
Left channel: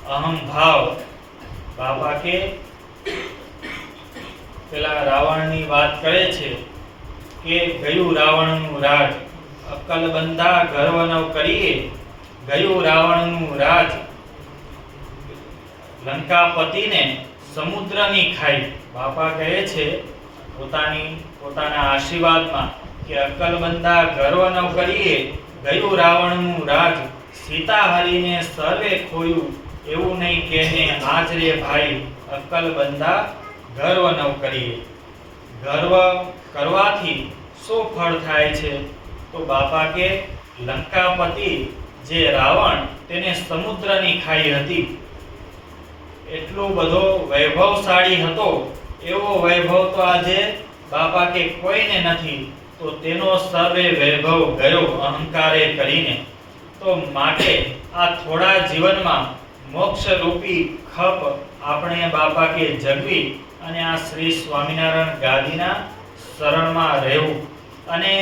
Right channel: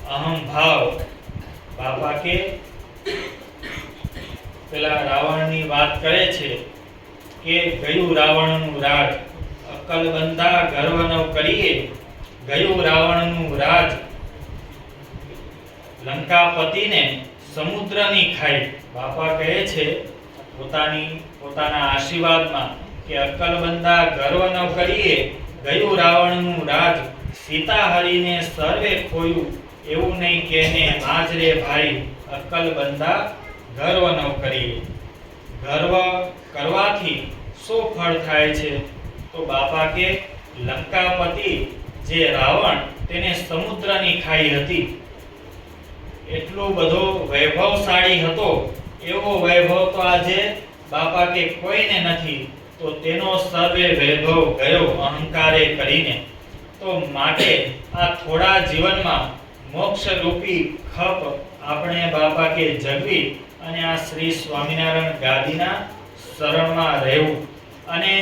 અહમ ભાવ બાપા કે પેલા રાવણની વાત કરે છે કે ગયું રાવણનું રાજ, અક્કલ બંધા ગર્વ ન કરીએ, ગયું રાવણનું રાજ, લંકાપતિને સમુદ્રની ખાઈ. બાપા કહે છે પોતાના આશીર્વાદમાં કે અક્કલ બંધા ગર્વ ન કરીએ, ગયું રાવણનું રાજ, સીતા હરીને સર્વે ખોયું, એવું નહીં કેને આજ રે ભાઈ, અક્કલ બંધા ગર્વ ન કરીએ. ગર્વ કરવાથી શું ફળ થાય છે? તો બાપા કે લંકાપતિ જે રાવણ તેને સમુદ્રની ખાઈ હતી, એટલો બધો વૈભવશાળી હતો, એવો વૈભવ તો આજે બાપા કે કોઈને નથી. તો તેનો સર્વે વૈભવ ગયો અહંકારે કરીને. તો માટે આ થોડા જીવનમાં મોક્ષ રૂપી ખપ આપણે બાપા કે જગવી અને આ શ્રી સ્વામિનારાયણ ગાદીના શરણમાં રહેવું અને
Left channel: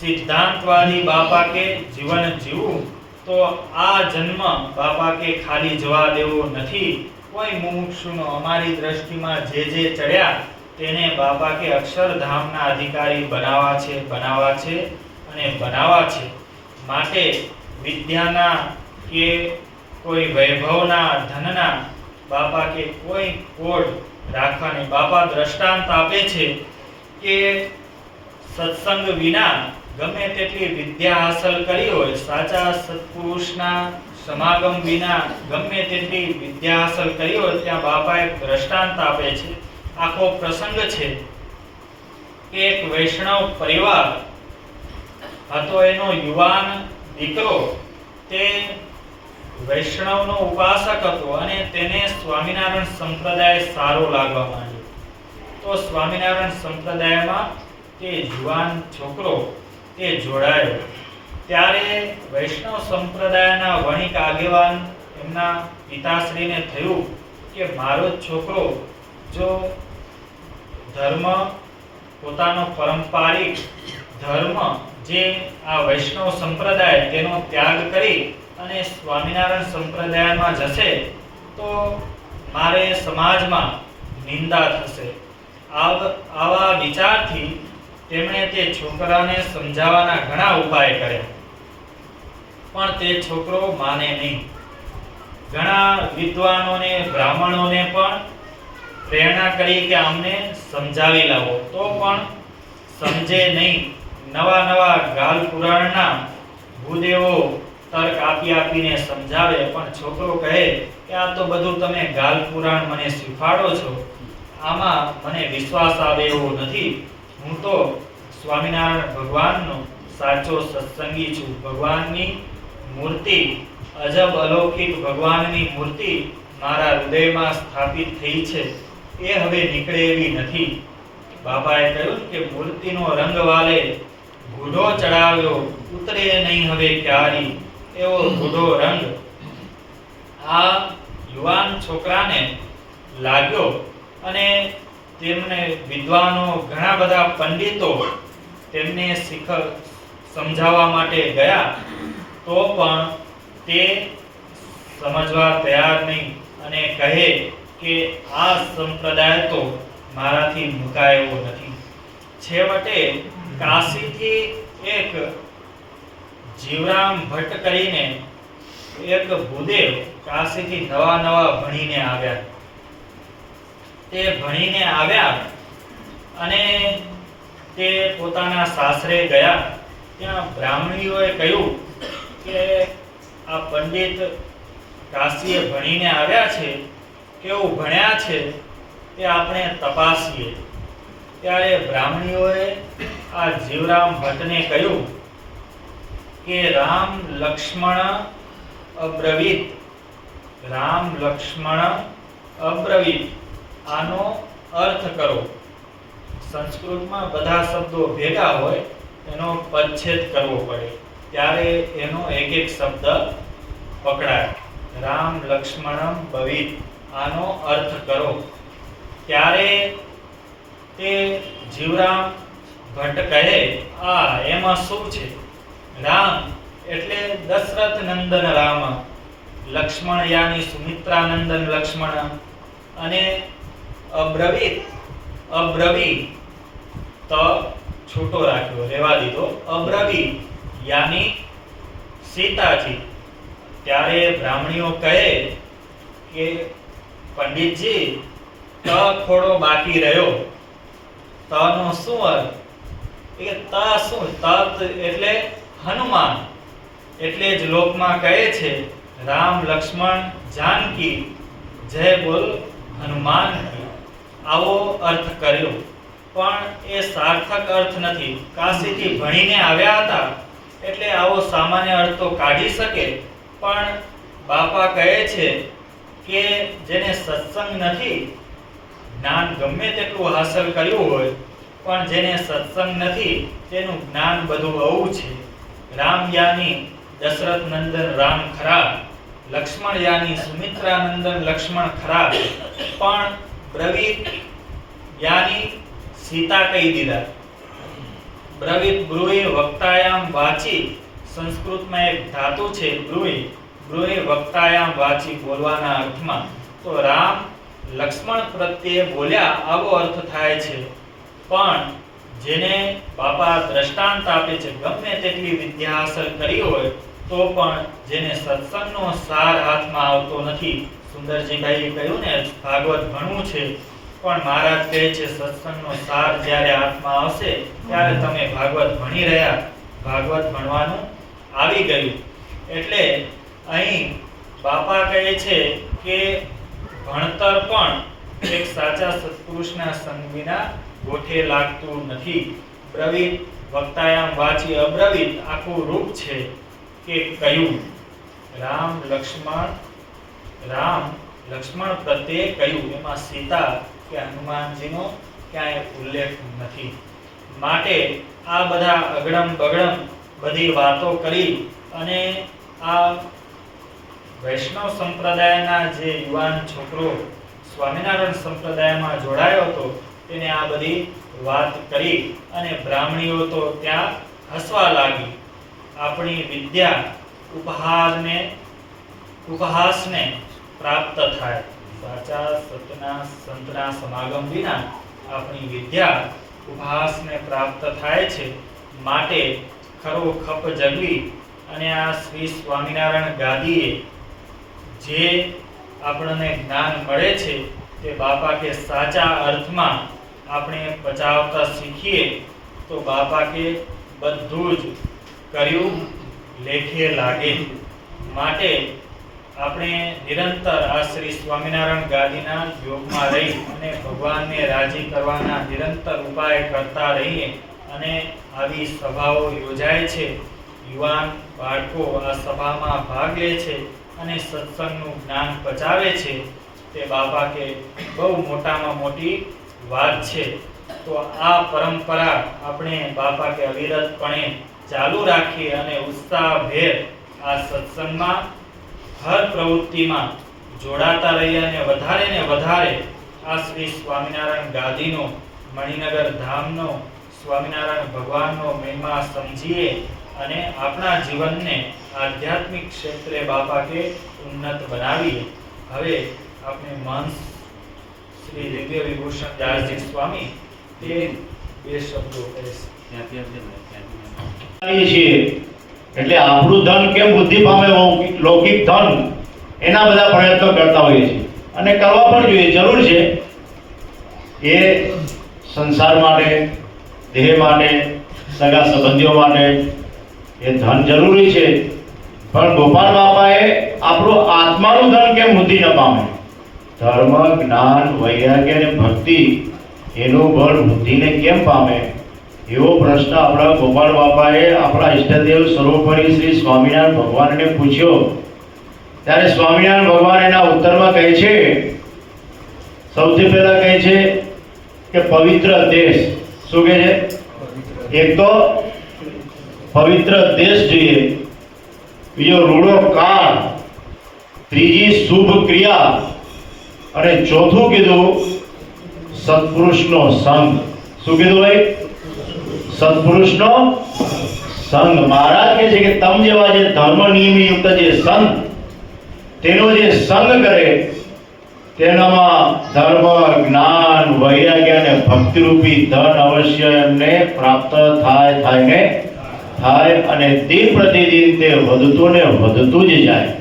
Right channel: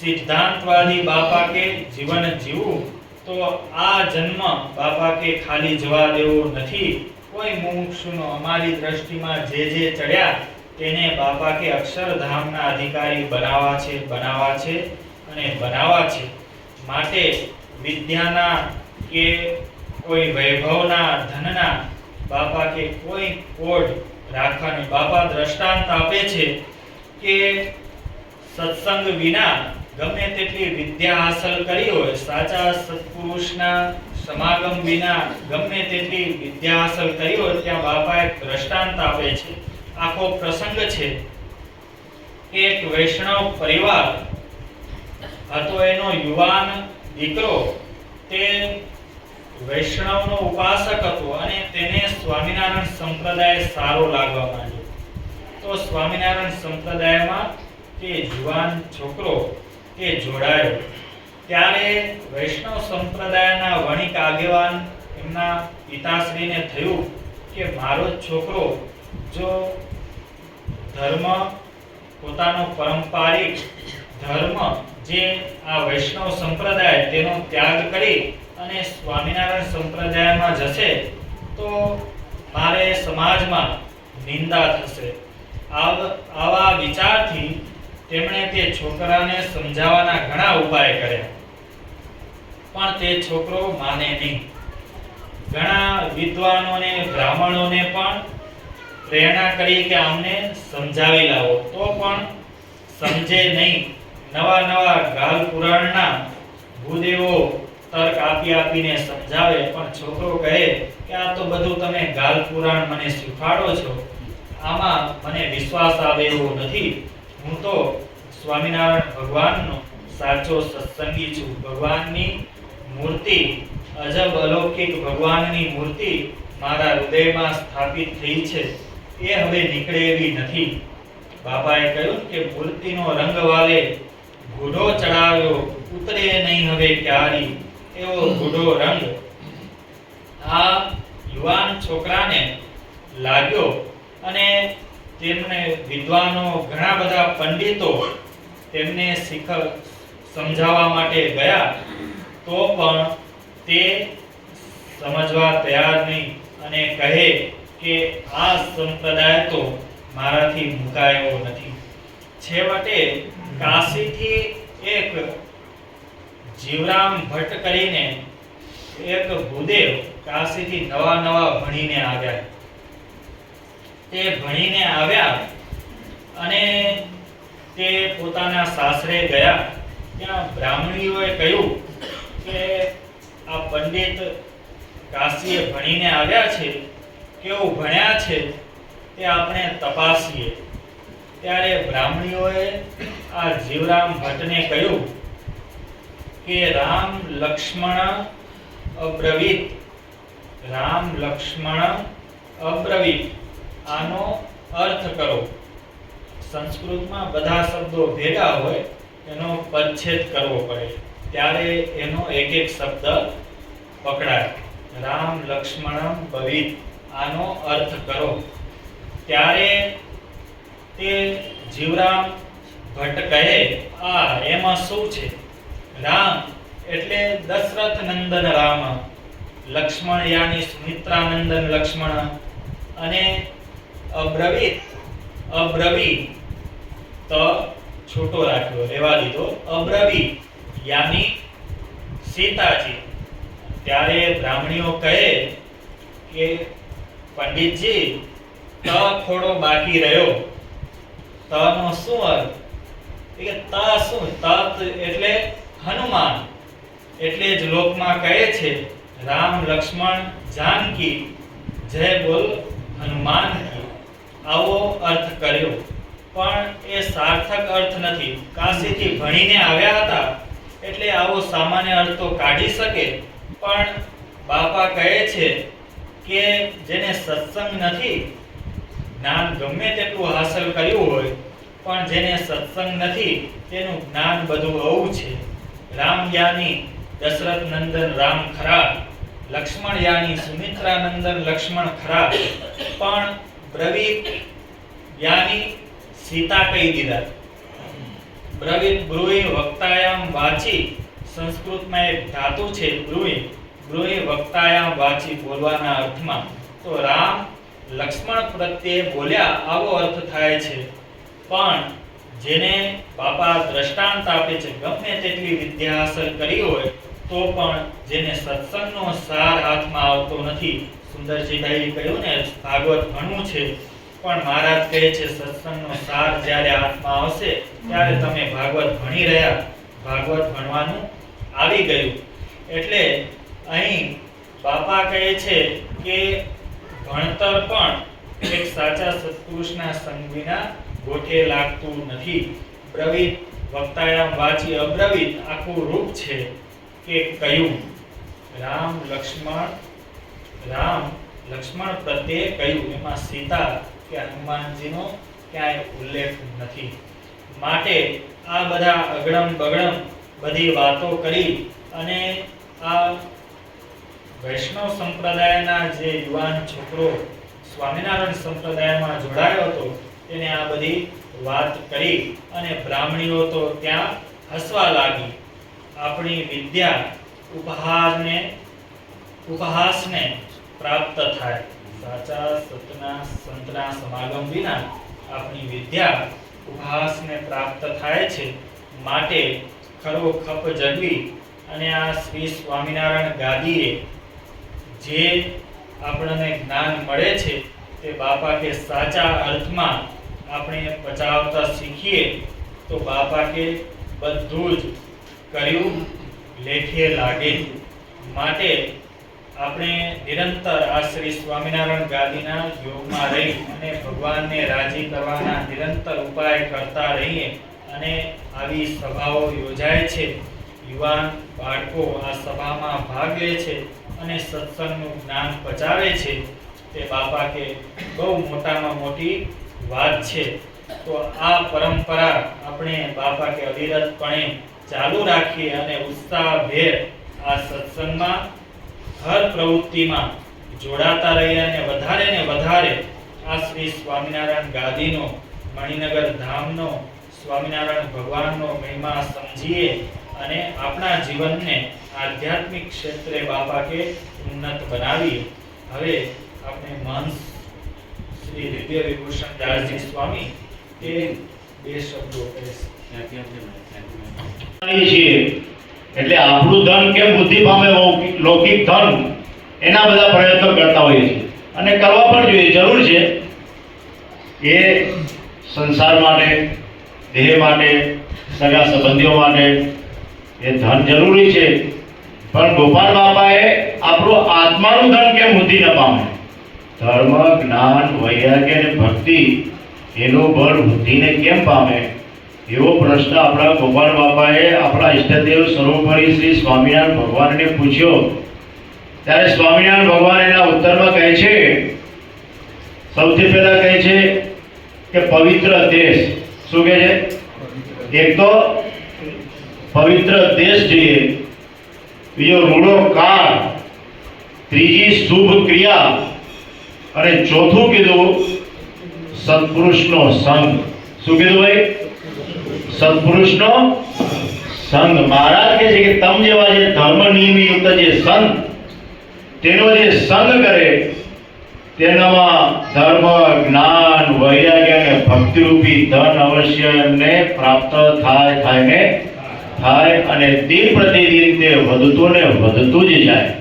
સિદ્ધાંતવાદી બાપા કે જીવન જીવવું. તો આ જન્મ બાપા કે ખાલી જવા દેવો નથી. કોઈ મુમુક્ષુનો અમારી દ્રષ્ટિમાં જે ચડ્યા તેને બાપા કે અક્ષરધામના અધિકારી બનાવવા છે અને બનાવવા છે. માટે વિદ્યાના કે કોઈ વૈભવના, ધનના બાપા કે કોઈ કોડ રાખવાની. બાપા દ્રષ્ટાંત આપે છે કે સત્સંગ વિના ગમે તેટલી વિદ્યા હાંસલ કરી હોય, સાચા સત્પુરુષના સમાગમ વિના ગમે તેટલી વિદ્યા હાંસલ કરી હોય, ત્યાં બાપા એક દ્રષ્ટાંત આપે છે. આખો પ્રસંગ છે કે એક વૈષ્ણવ પરિવાર હતો, એનો યુવાન દીકરો તે વૈષ્ણવનો ઉપાસક હતો અને તેને સ્વામિનારાયણ સંપ્રદાય સારો લાગવા માંડ્યો. તો સ્વામિનારાયણ સંપ્રદાયમાં તે યુવાન છોકરો તે જોડાયો. ત્યારે વૈષ્ણવ સંપ્રદાયના વણિક આગેવાન એમના પિતાશ્રીને થયું કે મારો છોકરો જો ધર્મ, પોતાનો પારંપરિક ધર્મ જે આ વૈષ્ણવ સંપ્રદાય તેનો ત્યાગ કરી અને સ્વામિનારાયણ સંપ્રદાયમાં જશે તો મારે સમાજમાં નિંદા થશે. આવા વિચારથી તેમણે તે છોકરાને સમજાવવાના ઘણા ઉપાય કર્યા, પણ તે છોકરો માને નહીં. ઘણા વિદ્વાનોને, બ્રાહ્મણોને પણ પ્રેરણા કરી કે અમને સમજાવી લાવો, તો પણ સમજે નહીં. નવા ગાલ પુરાણના ભૂદેવો તર્ક આપીને સમજાવે, પણ છોકરો કહે કે આ તો બધું તમે ગાલ પુરાણ મને શીખવાડો છો, આમાં મને વિશ્વાસ આવે એવો નથી. હું તો સ્વામિનારાયણ ભગવાનનો સાચો સત્સંગી છું. ભગવાનની મૂર્તિ, અજબ અલૌકિક ભગવાનની મૂર્તિ મારા હૃદયમાં સ્થાપિત થઈ છે, એ હવે નીકળે એવી નથી. બાપાએ કહ્યું કે મૂર્તિનો રંગ વાલે ઘૂડો ચડાવ્યો, ઉતરે નહીં હવે ક્યારી, એવો ઘૂડો રંગ આ યુવાન છોકરાને લાગ્યો અને તેમને વિદ્વાનો ઘણા બધા પંડિતો તેમને સમજાવવા માટે ગયા તો પણ તે સમજવા તૈયાર નહીં અને કહે કે આ સંપ્રદાય તો મારાથી મુકાયો નથી. છેવટે કાશીથી એક જીવરામ ભટ્ટ કરીને એક ભૂદેવ કાશીથી નવા ભણીને આવ્યા. તે ભણીને આવ્યા અને તે પોતાના સાસરે ગયા. ત્યાં બ્રાહ્મણીઓએ કહ્યું કે આ પંડિત કાશીએ ભણીને આવ્યા છે, કેવું ભણ્યા છે તે આપણે તપાસીએ. ત્યારે બ્રાહ્મણીઓએ આ જીવરામ ભટ્ટને કહ્યું કે રામ લક્ષ્મણ અબ્રવીત, રામ લક્ષ્મણ અબ્રવીત આનો અર્થ કરો. સંસ્કૃતમાં બધા શબ્દો ભેગા હોય એનો પરિચ્છેદ કરવો પડે, ત્યારે એનો એક એક શબ્દ પકડાય. રામ લક્ષ્મણમ ભવિત આનો અર્થ કરો. ત્યારે તે જીવરામ ભટ્ટ કહે એમાં શું છે? રામ એટલે દશરથ નંદન રામ, લક્ષ્મણ યાની સુમિત્રા નંદન લક્ષ્મણ, અને અબ્રવીત, અબ્રવી તો છોટો રાખ્યો, રહેવા દીધો, અબ્રવી યાની સીતાજી. ત્યારે બ્રાહ્મણીઓ કહે કે પંડિતજી ત થોડો બાકી રહ્યો. ત નો શું અર્થ? કે ત શું? તત એટલે હનુમાન. એટલે જ લોકમાં કહે છે રામ લક્ષ્મણ જાનકી જય બોલ હનુમાન કી. આવો અર્થ કર્યો, પણ એ સાર્થક અર્થ નથી. કાશીથી ભણીને આવ્યા હતા એટલે આવો સામાન્ય અર્થ તો કાઢી શકે, પણ બાપા કહે છે કે જેને સત્સંગ નથી, જ્ઞાન ગમે તેટલું હાંસલ કર્યું હોય પણ જેને સત્સંગ નથી તેનું જ્ઞાન બધું આવું છે. રામ યાની દશરથ નંદન રામ ખરા, લક્ષ્મણ યાની સુમિત્રા નંદન લક્ષ્મણ ખરા, પણ બ્રવીત યાની સીતા કહી દીધા. બ્રવીત બ્રુએ વક્તાયામ વાચી, સંસ્કૃતમાં એક ધાતુ છે બ્રુએ, બ્રુએ વક્તાયામ વાચી બોલવાના અર્થમાં. તો રામ લક્ષ્મણ પ્રત્યે બોલ્યા આવો અર્થ થાય છે. પણ જેને બાપા દ્રષ્ટાંત આપે છે, ગમે તેટલી વિદ્યા હાંસલ કરી હોય તો પણ જેને સત્સંગનો સાર હાથમાં આવતો નથી. સુંદરજીભાઈએ કહ્યું ને ભાગવત ભણવું છે, પણ મહારાજ કહે છે સત્સંગનો સાર જ્યારે હાથમાં આવશે ત્યારે તમે ભાગવત ભણી રહ્યા, ભાગવત ભણવાનું આવી ગયું. એટલે અહીં બાપા કહે છે કે ભણતર પણ એક સાચા સત્પુરુષના સંગ વિના ગોઠે લાગતું નથી. બ્રવીત વક્તાયામ વાચી અબ્રવીત આખું રૂપ છે કે કયું રામ લક્ષ્મણ પ્રત્યે કયું, એમાં સીતા કે હનુમાનજીનો ક્યાંય ઉલ્લેખ નથી. માટે આ બધા અગડમ બગડમ બધી વાતો કરી અને આ વૈષ્ણવ સંપ્રદાયના જે યુવાન છોકરો સ્વામિનારાયણ સંપ્રદાયમાં જોડાયો હતો તેને આ બધી વાત કરી અને બ્રાહ્મણીઓ તો ત્યાં હસવા લાગી. આપણી વિદ્યા ઉપહાસને પ્રાપ્ત થાય, સાચા સંતના સમાગમ વિના આપણી વિદ્યા ઉપહાસને પ્રાપ્ત થાય છે. માટે ખરો ખપ જગવી અને આ શ્રી સ્વામિનારાયણ ગાદીએ જે આપણને જ્ઞાન મળે છે તે બાપા કે સાચા અર્થમાં આપણે પચાવતા શીખીએ તો બાપા કે બધું જ કર્યું લેખે લાગે. માટે આપણે નિરંતર આ શ્રી સ્વામિનારાયણ ગાદીના યોગમાં રહી અને ભગવાનને રાજી કરવાના નિરંતર ઉપાય કરતા રહીએ. અને આવી સભાઓ યોજાય છે, યુવાન બાળકો આ સભામાં ભાગ લે છે અને સત્સંગનું જ્ઞાન પચાવે છે, તે બાપા કે બહુ મોટામાં મોટી વાત છે. તો આ પરંપરા આપણે બાપા કે અવિરતપણે ચાલુ રાખીએ અને ઉત્સાહભેર આ સત્સંગમાં હર પ્રવૃત્તિમાં જોડાતા રહીએ અને વધારે ને વધારે આ શ્રી સ્વામિનારાયણ ગાદીનો, મણિનગર ધામનો, સ્વામિનારાયણ ભગવાનનો મહિમા સમજીએ અને આપણા જીવનને આધ્યાત્મિક ક્ષેત્રે બાપા કે ઉન્નત બનાવીએ. હવે આપણે મહંત શ્રી દિવ્ય વિભૂષણ દાસજી સ્વામી તે બે શબ્દો કહેશે. એટલે આપણું ધન કેમ વૃદ્ધિ પામે, લૌકિક ધન, એના બધા પ્રયત્નો કરતા હોઈએ છીએ અને કરવા પણ જોઈએ, જરૂર છે. એ સંસાર માટે, દેહ માટે, સગા સંબંધીઓ માટે એ ધન જરૂરી છે. પણ ગોપાલ બાપાએ આપણું આત્માનું ધન કેમ વૃદ્ધિ ન પામે? ધર્મ, જ્ઞાન, વૈરાગ્ય અને ભક્તિ એનું બળ વૃદ્ધિને કેમ પામે, એવો પ્રશ્ન આપણા ગોપાલ બાપાએ આપણા ઈષ્ટદેવ સર્વોપરી શ્રી સ્વામિનારાયણ ભગવાનને પૂછ્યો. ત્યારે સ્વામિનારાયણ ભગવાન એના ઉત્તરમાં કહે છે, સૌથી પહેલા કહે છે કે પવિત્ર દેશ. શું કહે છે? એક તો પવિત્ર દેશ જોઈએ, બીજો રૂડો કાળ, ત્રીજી શુભ ક્રિયા અને ચોથું કીધું સત્પુરુષનો સંગ. શું કીધું ભાઈ? સત્પુરુષનો સંગ. મહારાજ કહે છે કે તમ જેવા જે ધર્મ નિયમયુક્ત જે સંત, તેનો જે સંગ કરે તેનામાં ધર્મ, જ્ઞાન, વૈરાગ્ય અને ભક્તિરૂપી ધન અવશ્ય એમને પ્રાપ્ત થાય અને દિન પ્રતિદિન તે વધતું ને વધતું જ જાય.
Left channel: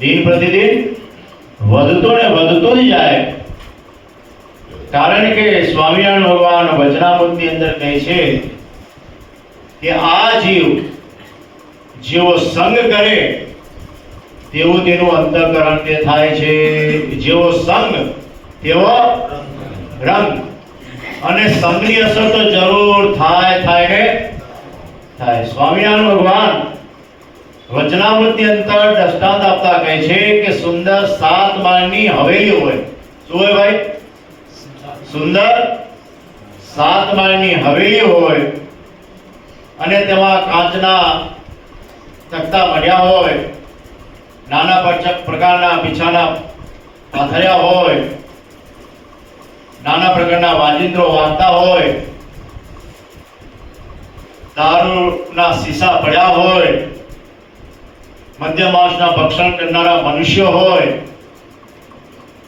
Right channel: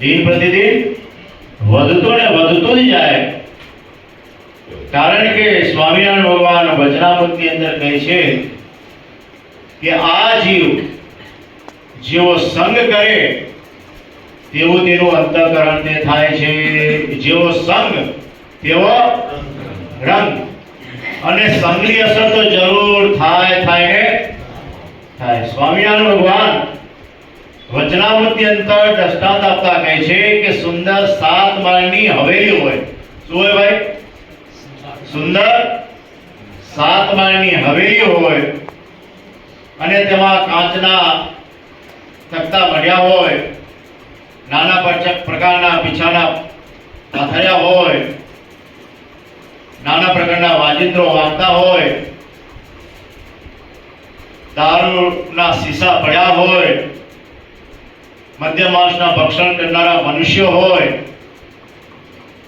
દિન પ્રતિદિન વધતું ને વધતું જ જાય. કારણ કે સ્વામિનારાયણ ભગવાન વચનામૃતની અંદર કહે છે કે આ જીવ જેવો સંગ કરે તેવું તેનું અંતઃકરણ તે થાય છે. જેવો સંગ તેવો રંગ. અને સંગની અસર તો જરૂર થાય. સ્વામિનારાયણ ભગવાન વચનામૃતની અંદર દ્રષ્ટાંત આપતા કહે છે કે સુંદર 7 માળની હવેલી હોય. શું હોય ભાઈ? સુંદર 7 માળની હવેલી હોય અને તેમાં કાચના તખતા મઢ્યા હોય, નાના પ્રકારના પીછાના પાથર્યા હોય, નાના પ્રકારના વાજિંત્રો વાગતા હોય, દારૂના શીશા પડ્યા હોય, મધ્ય માંસના ભક્ષણ કરનારા મનુષ્યો હોય,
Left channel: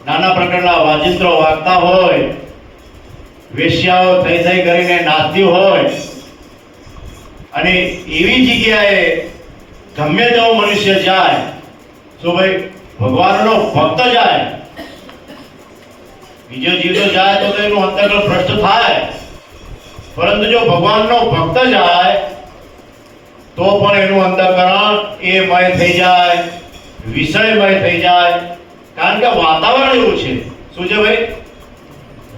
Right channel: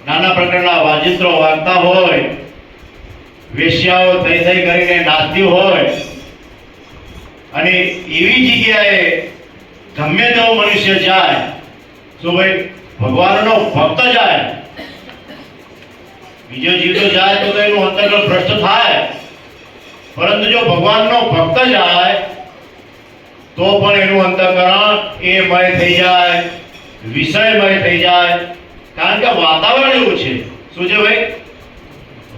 નાના પ્રકારના વાજિંત્રો વાગતા હોય, વેશ્યાઓ થઈ કરીને નાચતી હોય, અને એવી જગ્યાએ ગમે તેવો મનુષ્ય જાય, શું ભાઈ? ભગવાનનો ભક્ત જાય. બીજો જીવ તો જાય તો એનું અંતર્ગત ભ્રષ્ટ થાય, પરંતુ જો ભગવાનનો ભક્ત જાય તો પણ એનું અંતઃકરણ એ મય થઈ જાય, વિષયમય થઈ જાય. કારણ કે વાતાવરણ એવું છે. શું છે ભાઈ?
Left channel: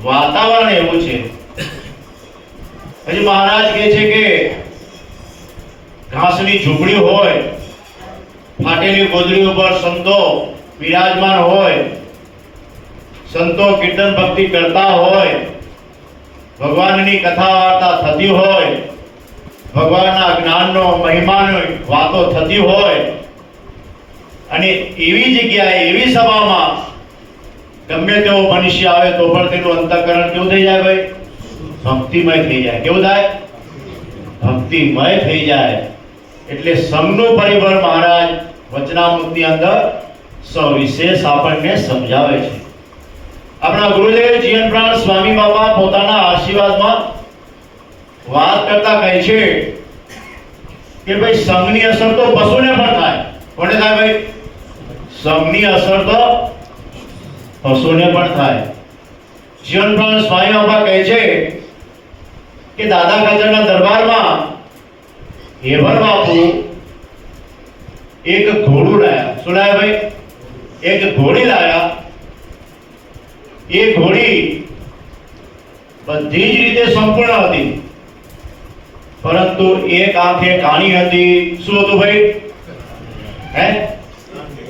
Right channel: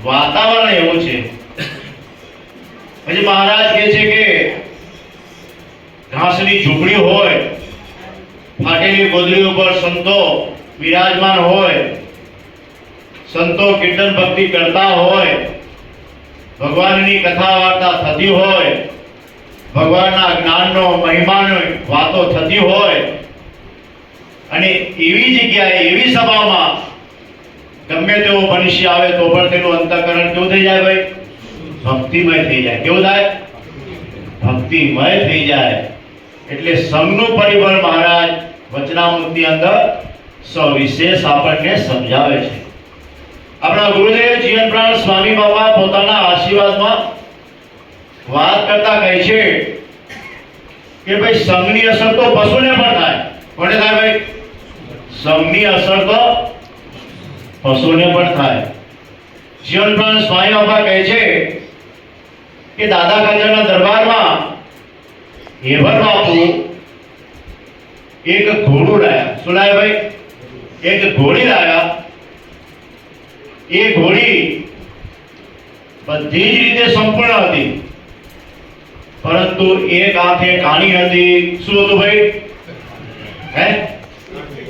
વાતાવરણ એવું છે. પછી મહારાજ કહે છે કે ઘાસની ઝૂંપડી હોય, ફાટેલી ગોદડી ઉપર સંતો વિરાજમાન હોય, સંતો કીર્તન ભક્તિ કરતા હોય, ભગવાનની કથા વાર્તા થતી હોય, ભગવાનના જ્ઞાનનો મહિમાની વાતો થતી હોય, અને એવી જગ્યાએ, એવી સભામાં ગમે તેવો મનુષ્ય આવે તો પણ તેનું અંતઃકરણ કેવું થઈ જાય ભાઈ? ભક્તિમય થઈ જાય. કેવું થાય? ભક્તિમય થઈ જાય. એટલે સંઘનું પરિબળ મહારાજ વચનામૃતની અંદર સવિશેષ આપણને સમજાવે છે. આપણા ગુરુદેવ જીવન પ્રાણ સ્વામી બાબા પોતાના આશીર્વાદમાં વાત કરતા કહે છે કે ભાઈ સંઘની અસર તો પશુને પણ થાય. કોને થાય ભાઈ? સંઘની અસર તો પશુને પણ થાય. જીવન પ્રાણ સ્વામી બાબા કહે છે કે દાદા ખાચરના દરબારમાં હેવર બાપુ એક ઘોડું લાયા. શું લાયા ભાઈ? એક ઘોડી લાયા. એ ઘોડી બધી જ રીતે સંપૂર્ણ હતી, પરંતુ એક આંખે કાણી હતી. શું હતું ભાઈ?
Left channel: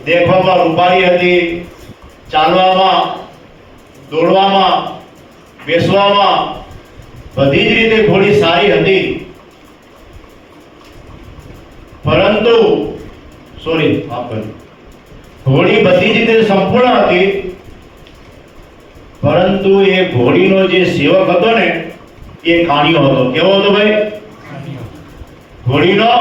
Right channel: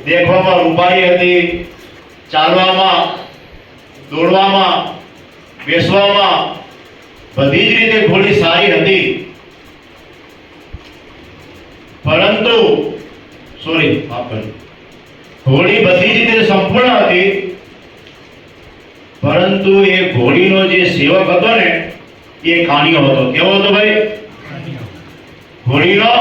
દેખવામાં રૂપાળી હતી, ચાલવામાં, દોડવામાં, બેસવામાં બધી જ રીતે ઘોડી સારી હતી. પરંતુ ઘોડી બધી જ રીતે સંપૂર્ણ હતી, પરંતુ એ ઘોડીનો જે સેવક હતો ને એ કાણિયો હતો. કેવો હતો ભાઈ? ઘોડીનો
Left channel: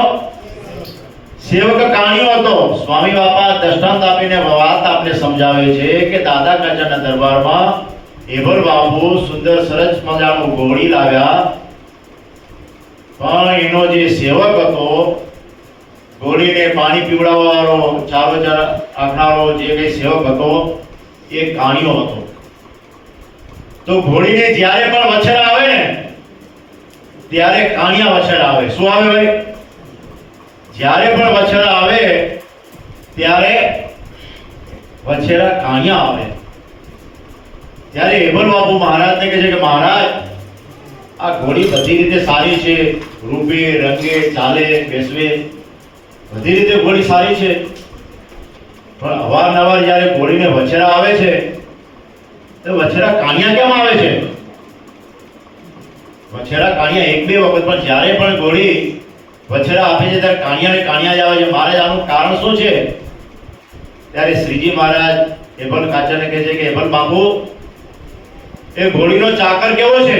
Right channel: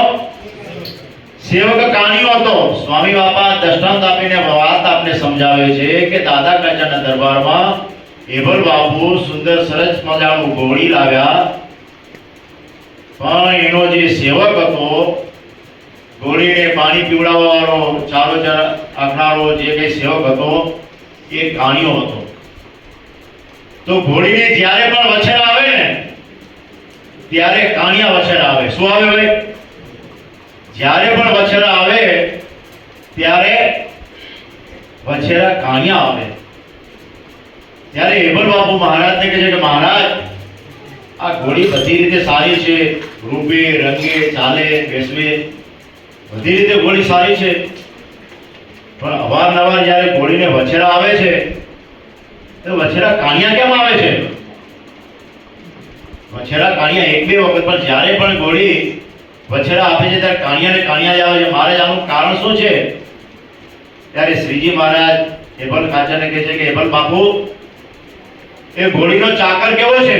સેવક કાણિયો હતો. સ્વામી બાપા દ્રષ્ટાંત આપીને વાત આપને સમજાવે છે કે દાદા કાચાના દરબારમાં એભલ બાપુ સુંદર સરસ મજાનું ઘોડી લાવ્યા, પણ એનો જે સેવક હતો, ઘોડીને પાણી પીવડાવવાનો, ચારો આખનારો જે કઈ સેવક હતો એ કાણિયો હતો. તો ઘોડીને જ્યારે પણ વછેરા આવે ને ત્યારે કાણિયા વછેરા આવે. શું આવે ભાઈ? જ્યારે પણ વછેરા આવે ત્યારે વછેરા કાણિયા આવે. ત્યારે એબલ બાપુ મહારાજને કહે છે કે મહારાજ, આ ઘોડી બધી રીતે સારી છે, રૂપે રંગે ચાલે બેસવે બધી રીતે ઘોડી સારી છે, પણ અવારનવાર જ્યારે ઘોડીને વછેરા આવે છે તો વછેરા કાણિયા કેમ આવે છે? વછેરા કાણિયા એક બે વખત, પણ જ્યારે પણ ઘોડી વછેરા આપે છે ત્યારે કાણિયા જ આવે છે. મહારાજ, આનું કારણ શું છે? ત્યારે શ્રીજી મહારાજ એબલ કાચાને કહે છે કે એબલ બાપુ, એ ઘોડીનો ચાકર કેવો છે?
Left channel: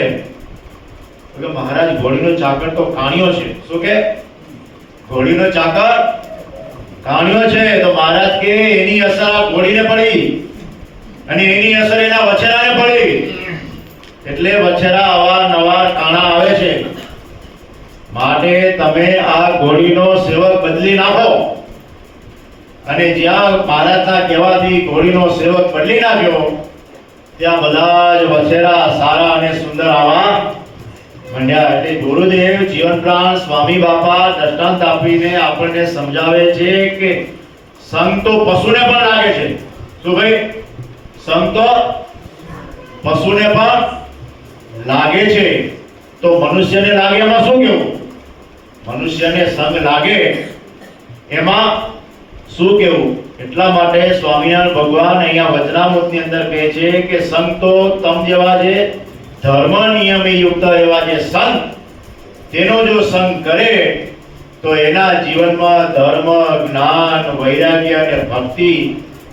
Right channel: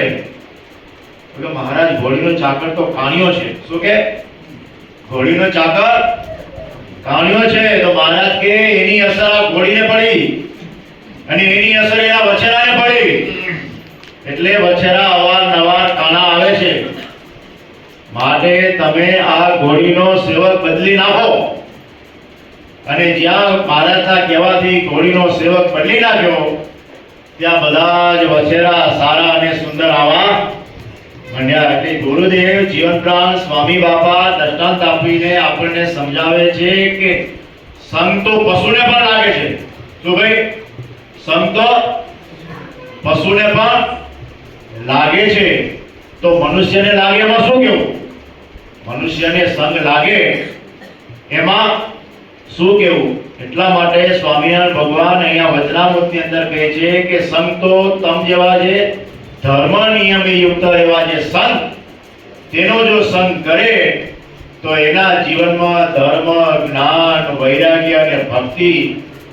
એટલે મહારાજ, ઘોડીનો ચાકર તો કાણિયો છે. શું કે? ઘોડીનો ચાકર કાણિયો છે. તો મહારાજ કે એની અસર આ ઘોડીને પડી અને એની અસર એના વછેરાને પડી, એટલે વછેરા અવારનવાર કાણા આવે છે. માટે તમે આ ઘોડીનો સેવક બદલી નાખો. અને જ્યાં મહારાજના કહેવાથી ઘોડીનો સેવક બદલી નાખ્યો ત્યાં બધા જ વછેરા સારા અને સુંદર આવા મંડ્યા. એટલે ગુરુદેવ જીવન પ્રાણ સ્વામી બાપા દ્રષ્ટાંત આપીને આપણને સમજાવે છે કે સંગ તો પશુને પણ લાગે છે. શું ભાઈ? સંગ તો પશુને પણ લાગે છે. તો મનુષ્યને લાગે એમાં શું કેવું? મનુષ્યને સંગ લાગે એમાં શું કેવું? એટલા માટે સ્વામિનારાયણ ભગવાન અહીંયા વચનામૃતની અંદર કહે છે કે સંગ તો તમ જેવા જે ધર્મ નિયમે યુક્ત એવા જે સંત, તેનો જો સંગ કરે તો એના જીવનમાં ધર્મ, જ્ઞાન, વૈરાગ્ય અને ભક્તિ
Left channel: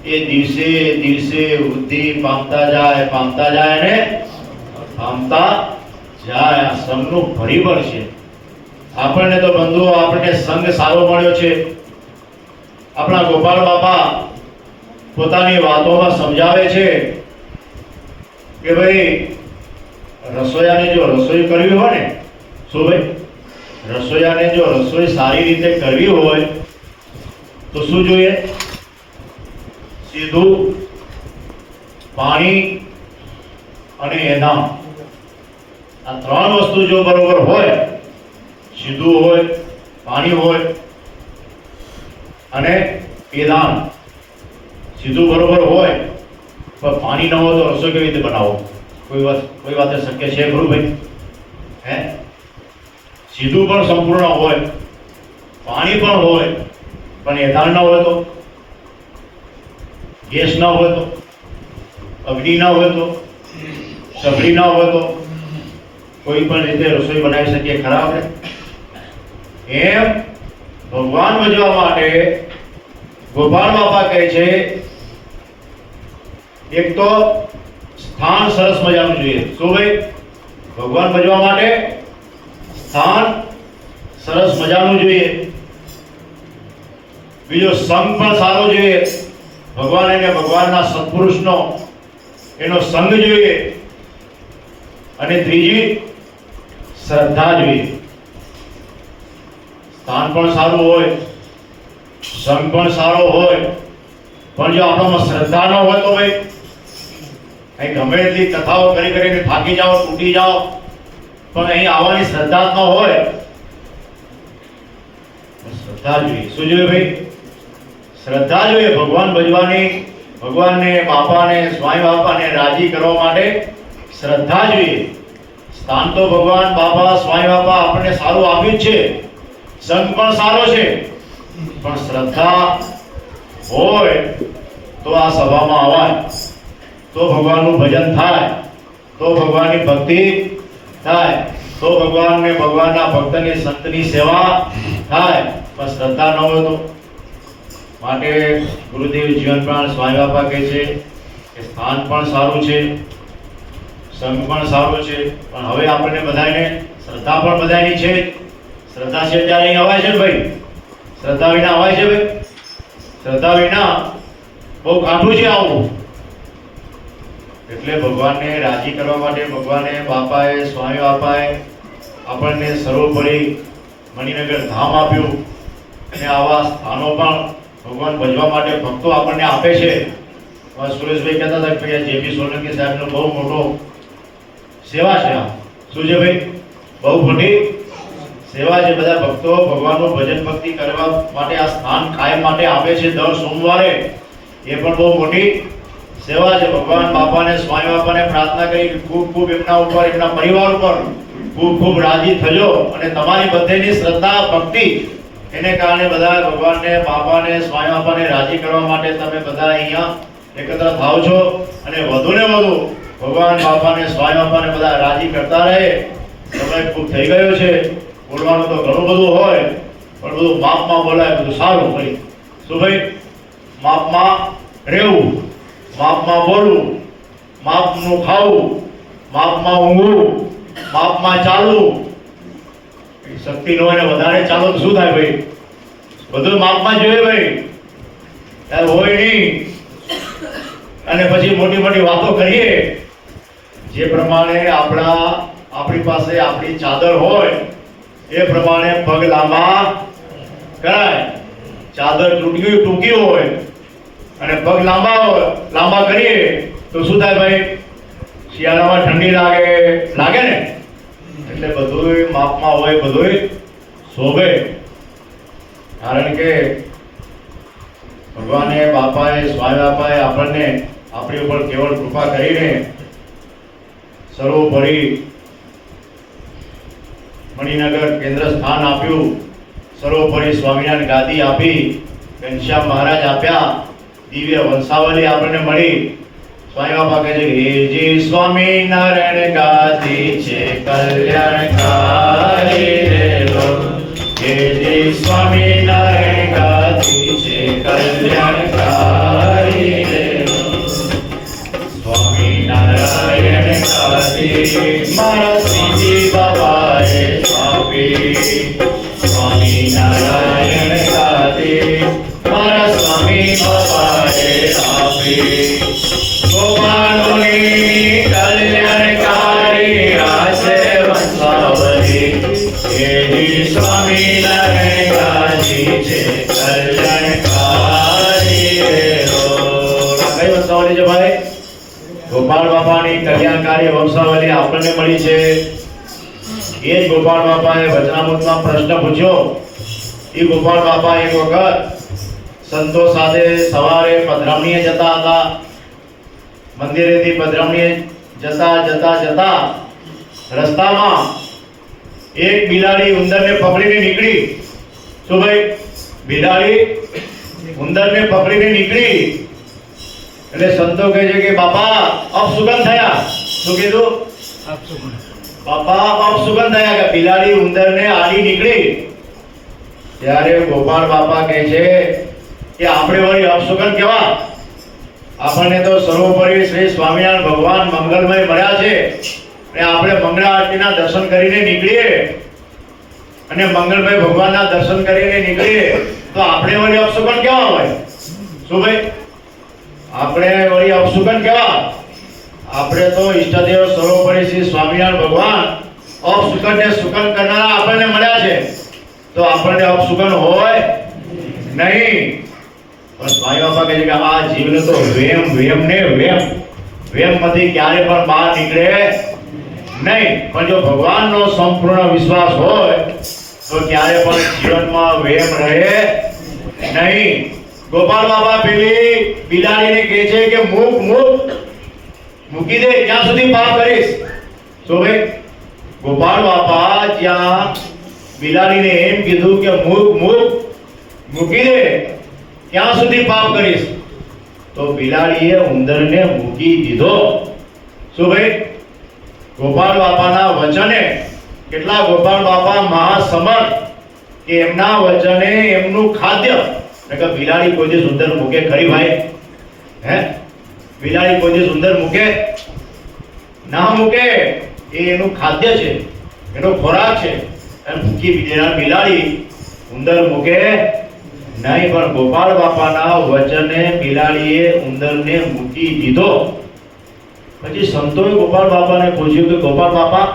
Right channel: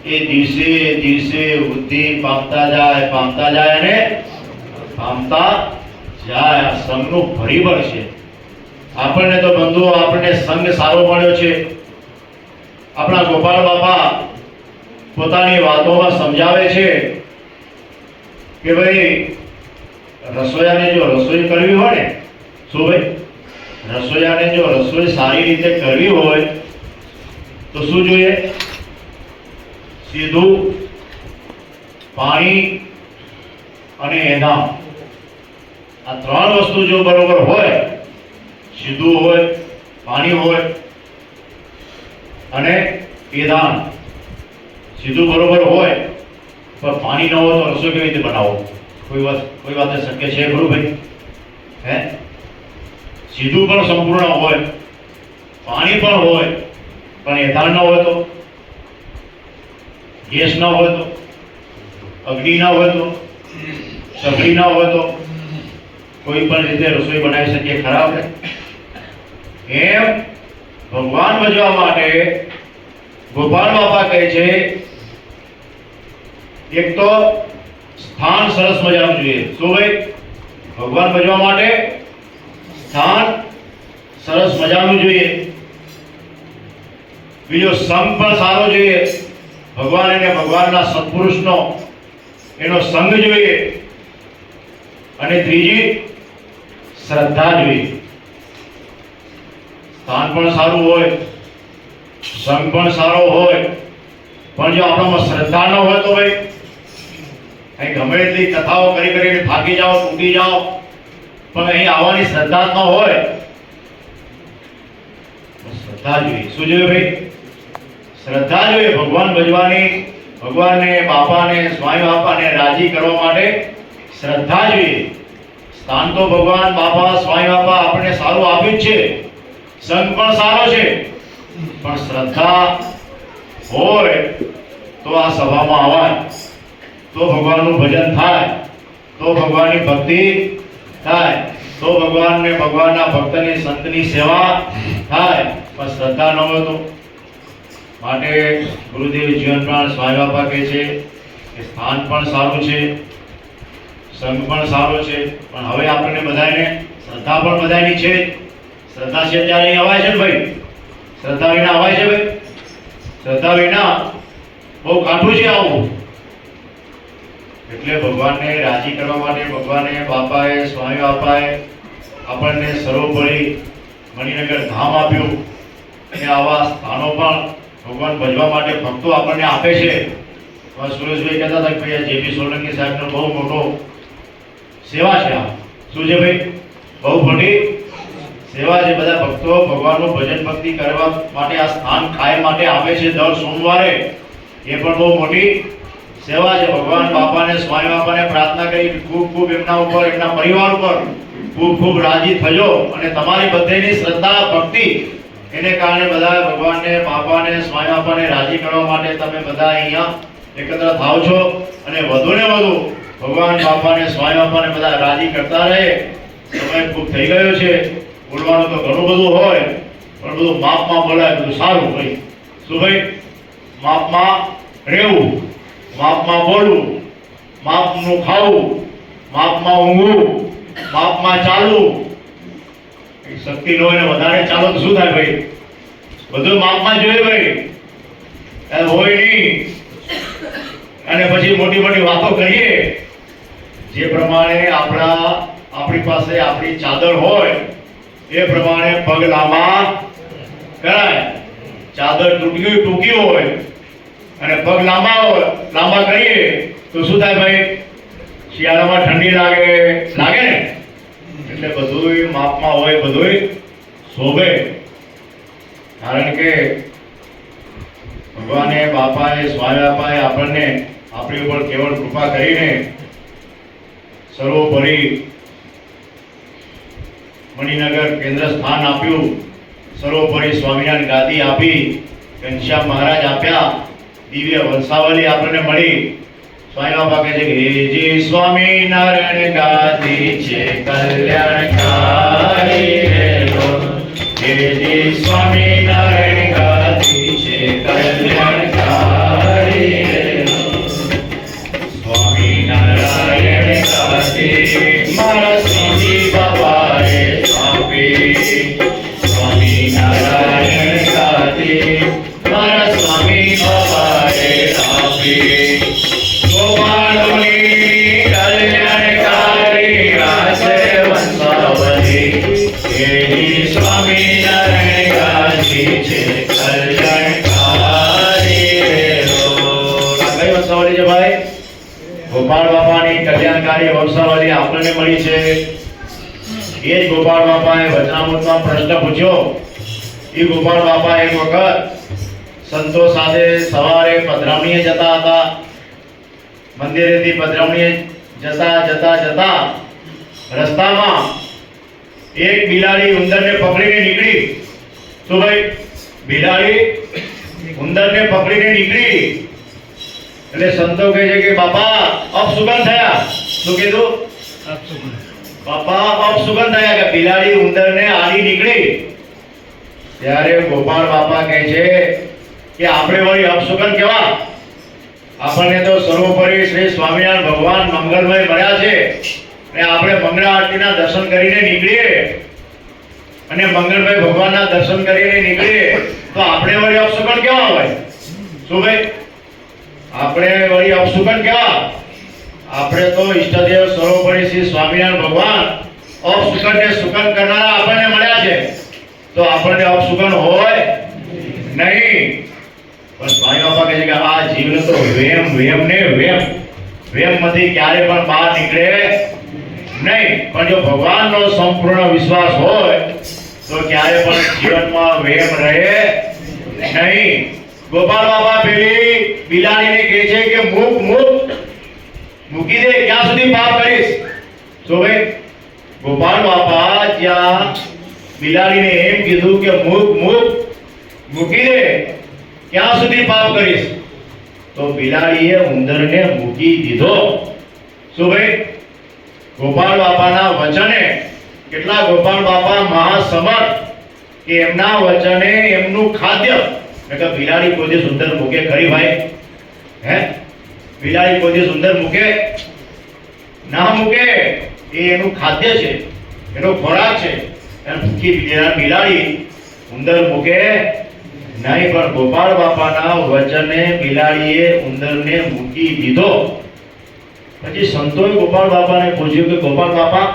એ દિવસે દિવસે વૃદ્ધિ પામતા જાય અને પામતા જાય. આ સંગનું પરિબળ છે. આપણને તો બંધુઓ, આપણને સંગ સારો મળ્યો છે. આપણા ગોપાલ બાપા પોતાની વાતોમાં સમજાવે છે કે ભાઈ, રસોઈયાને જો રસોઈ કરવી હોય ને, શું ભાઈ? રસોઈયાને જો રસોઈ સારી રીતે કરવી હોય તો શું જોઈએ? સીધું પાણી અને એનામ, આ ત્રણ વસ્તુ જો બરોબર હોય, સીધું હોય, પાણી હોય અને પેદાન, સીધું બરોબર હોય પણ પાણી ન હોય તો રસોઈ કેવી રીતે બનાવો? કોઈ વાત શક્ય છે ખરું ભાઈ? હે? સીધું પણ સંપૂર્ણ હોય, પાણી પણ હોય, પણ એધાન ન હોય તો, ગેસ ન હોય તો, અગ્નિ ન હોય તો, સગડી ન હોય તો કોઈ પણ રીતે રસોઈ બનાવી શકીએ ખરા આપણે? એમ ભગવાન ભજવા માટે ગોપાલ બાપા કહે છે એક તો સ્થાન સરસ મજાનું જોઈએ. શું ભાઈ? ભગવાન ભજવા માટે સ્થાન સરસ મજાનું જોઈએ. બીજો સંગ પણ સારો જોઈએ. ભગવાન અને ભગવાનના સત્પુરુષનો એનો સંગ જોઈએ. અને ત્રીજી શ્રદ્ધા જોઈએ. સ્થાન પણ સારું હોય, સંગ પણ સારો હોય, પણ જો આપણામાં શ્રદ્ધા ન હોય તો ભાઈ અહીં ગમે એટલી કથાઓ કરીને થાકી જાઓ, તૂટી જાઓ, પણ અહીં આવવાની શ્રદ્ધા ન હોય. શ્રદ્ધા જોઈએ. શું જોઈએ ભાઈ? શ્રદ્ધા જોઈએ. ભગવાન ભજવાની, ભગવાનને, બાપાને, સ્વામી બાપાને રાજી કરવા માટે શ્રદ્ધા જોઈએ. સ્થાન તો ભગવાન, બાપા, સ્વામી બાપા આપણને સારું આપ્યું જ છે, સંગ પણ સારો છે, પણ શ્રદ્ધા હોય તો આ સભામાં આવાય, તો ભગવાનનું ભજન થાય, તો ભગવાનની ભક્તિ થાય, તો ભગવાનને, ભગવાનના ભક્તની, સંતની સેવા થાય. પણ શ્રદ્ધા ન હોય તો. માટે ગુરુદેવ જીવન પ્રાણ સ્વામી બાપા કહે છે કે સ્થાન પણ સારું છે, સંઘ પણ સારો છે, પણ હવે આપણને બધાને શ્રદ્ધા પણ બધાની છે. શ્રદ્ધા છે ત્યારે અહીં અવાય છે ને ભાઈ? શ્રદ્ધા વિના અવાય છે ભાઈ? શ્રદ્ધા વિના બહુ કાઠું છે આવું. એટલે ભગવાનને રાજી કરવા માટે ભગવાને બાપાએ, સ્વામી બાપાએ આપણને સર્વોપરી મણિનગર ધામ આપ્યું અને આવા સ્થાનો પણ ભગવાન ભજવા માટે ભક્તો આપણને આપે છે. સુરેશભાઈ કહેતા હતા કે ભાઈ જેપી સોલંકી સાહેબનો બહુ મોટો સેવા છે. આ શું છે ભાઈ? બહુ મોટી સેવા છે. બધા ભક્તો ભગવાનનું ભજન ભક્તિ કરવા માટે આ સ્થાન કાયમ માટે આપે છે દર સોમવારે. એ પણ બહુ મોટી સેવા છે. ભગવાન બાપાને, સ્વામી બાપાને પ્રાર્થના કરી ખૂબ ખૂબ એમના ઉપર, એમના પરિવાર ઉપર ખૂબ ખૂબ રાજી થજો અને તમારી બધેની શ્રદ્ધા ભક્તિ એને કારણે બધા ભગવાનને, બાપાને, સ્વામી બાપાને રાજી કરવા માટે તમે બધા અહીંયા એકત્ર થાવ છો અને વધુ ને વધુ ભગવાન બાપાને, સ્વામી બાપાને બધા રાજી કરતા રહે. સમય ખૂબ થઈ ગયો છે, બોલવાનું તો ઘણું બધું હોય પણ બધું માપમાં બોલાય, બધું સારું ભાઈ. શું ભાઈ? માપમાં રહેવું, માપમાં બોલવું, માપનું ખાવું, માપમાં ઊંઘવું, માપમાં ચાલવું. શક્તિ ન હોય ને વધારે ચાલો તો શું થાય ભાઈ? બધું માપમાં જોઈએ ભાઈ. ત્યારે હોય નહીં અને પછી મોટી મોટી વાતો કરીએ. જે પ્રમાણે આપણી પાસે આપણી ચાદર હોય એ પ્રમાણે પગ લાંબા કરાય. ચાદર ટૂંકી હોય અને પગ લાંબા કરીએ તો શું થાય ભાઈ? શિયાળામાં ઠંડી લાગે ને. એટલે બધું માપમાં હોય, બધું શોભે. કારણ કે ભગવાને, બાપાએ, સ્વામી બાપાએ આપણને આપણી ઉપર કેવળ કૃપા કરીને સર્વોપરી મણિનગર કેન્દ્ર સ્થાન આપ્યું, સર્વોપરી સ્વામિનારાયણ ગાદી આપી, ઘનશ્યામ મહારાજ આપ્યા, દિવ્ય વંશાવલી આપણને મળી. સ્વામી બાપા કહે છે કે હે જી સ્વામિનારાયણ ગાદી છે કલ્યાણકારી રે લો. હે જી સ્વામિનારાયણ ગાદી છે કલ્યાણકારી રે લો. સ્વામિનારાયણ ગાદી મારા શ્રીજી બાપાએ આપી. સ્વામિનારાયણ ગાદી મારા સ્વામી બાપાએ આપી. ગોપાળોની કલ્યાણકારી રાસે વંશાવલી. હે સ્વામિનારાયણ ગાદી છે કલ્યાણકારી રે લો. કઈ વંશાવલી છે ભાઈ? ગોપાળ બાપાની કલ્યાણકારી વંશાવલી આપણને મળી છે. એ જ ગોપાળ બાપાએ વચનામૃતમાં પ્રશ્ન પૂછ્યો. એ ગોપાળ બાપા એક વખત સંતો સાથે સવારે પધરામણીએ જતા હતા. મંદિરેથી પધરામણીએ જતા રસ્તામાં એક બિલાડી ઉંદરને પકડીને નીકળી. શું ભાઈ? બિલાડી ઉંદરને પકડીને નીકળી. એટલે સંતો કહે છે કે બાપા અપશુકન થયા. શું કીધું? બાપા અપશુકન થયા કે બિલાડી ઉંદરને આડી નીકળી. ત્યારે ગોપાળ બાપા કહે છે કે આપણે વળી અપશુકન કેવા? આપણને તો સર્વોપરી શ્રી સ્વામિનારાયણ ભગવાન મંગલમય મળ્યા છે અને આપણે મંગળ આરતીના દર્શન કરીને નીકળીએ અને મંગળમય ભગવાનના દર્શન કરીને નીકળીએ તો આપણે વળી અપશુકન કેવા હોય? શું ભાઈ? આપણે વળી અપશુકન કેવા? આપણે તો ઈષ્ટદેવ સર્વોપરી શ્રી સ્વામિનારાયણ ભગવાન અપશુકનને સુકન કરનારા આપણને મળ્યા છે, તો આપણને અપશુકન હોય નહીં. પણ સ્વામી બાપા કહે છે કે આ જીવને તો વેમમાંથી ક્યારે પણ બહાર નીકળે નહીં. પણ જો ભગવાનનો સંપૂર્ણ વિશ્વાસ હોય તો ક્યારે પણ જીવનમાં વેમ રહે નહીં. ગોપાળ બાપા પેલી બિલાડીને કહે છે કે મૂકી દે, ક્યાં સુધી પાપ કરીશ? તો ભાઈ ગોપાળ બાપા જ્યાં બિલાડીને એમ કીધું કે મૂકી દે, ક્યાં સુધી પાપ કરીશ? તો બિલાડીએ ઉંદરને મૂકી દીધો. શું ભાઈ? ગોપાળ બાપાના વચને કેટલા ગોપાળ બાપા મહાસમર્થ કે એમના વચને એમનું ખાદ્ય. બિલાડી કોઈ દિવસ ઉંદર મૂકે ખરી ભાઈ? હે? બિલાડી કોઈ દિવસ ઉંદર મૂકે ના મૂકે એ એનું ખાદ્ય છે, એનો ખોરાક છે. અને ભૂખી બિલાડી ઉંદર મૂકે નહીં, પણ ગોપાળ બાપાના વચને બિલાડીએ ઉંદરને મૂકી દીધો. પછી સંતોએ ગોપાળ બાપાને પૂછ્યું કે ગોપાળ બાપા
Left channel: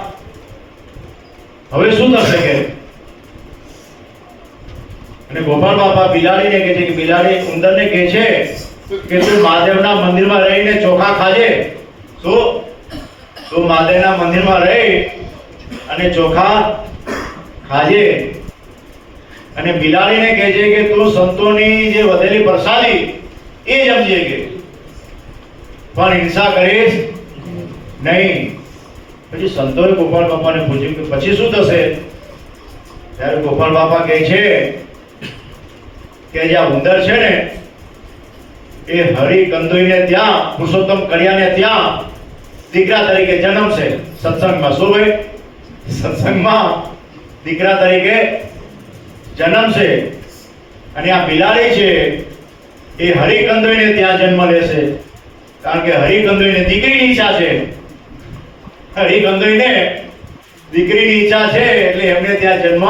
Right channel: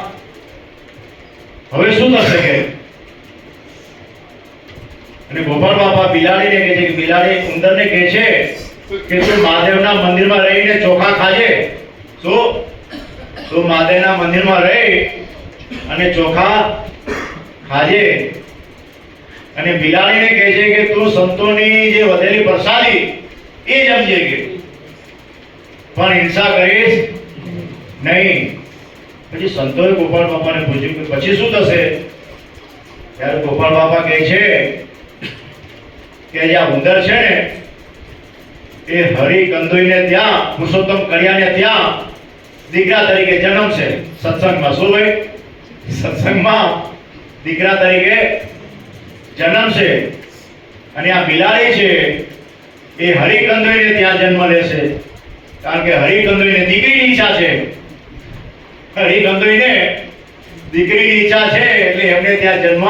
હવે શું થશે કે? અને ગોપાળ બાપા બિલાડીને કહે છે કે બિલાડી ઉંદરને કહે છે કે તું મહાદેવના મંદિરમાં રહીને ચોખા ખાજે. શું? તું મહાદેવના મંદિરમાં રહી અને ચોખા ખાજે. અને બિલાડીને કહે છે કે તું સંતોની જે વધેલી પ્રસાદી એ જમજે કે, પણ હિંસા કરીશ નહીં. પછી સંતોએ ગોપાળ બાપાને પૂછ્યું કે પછી શું થશે? ત્યારે ગોપાળ બાપા કહે છે કે જે આ ઉંદર છે ને એ હરિ કંદોઈને ત્યાં, પુરુષોત્તમ કળિયાને ત્યાં દીકરા તરીકે જન્મશે સત્સંગમાં. શું ભાઈ? સત્સંગમાં દીકરા તરીકે જન્મશે. અને આ બિલાડી છે એ હરિ કંદોઈને ત્યાં જન્મ લેશે, કારણ કે હરિ કંદોઈને દીકરીની ઈચ્છા છે. હરિ કંદોઈને દીકરીની ઈચ્છા છે એટલે એમને ત્યાં જન્મ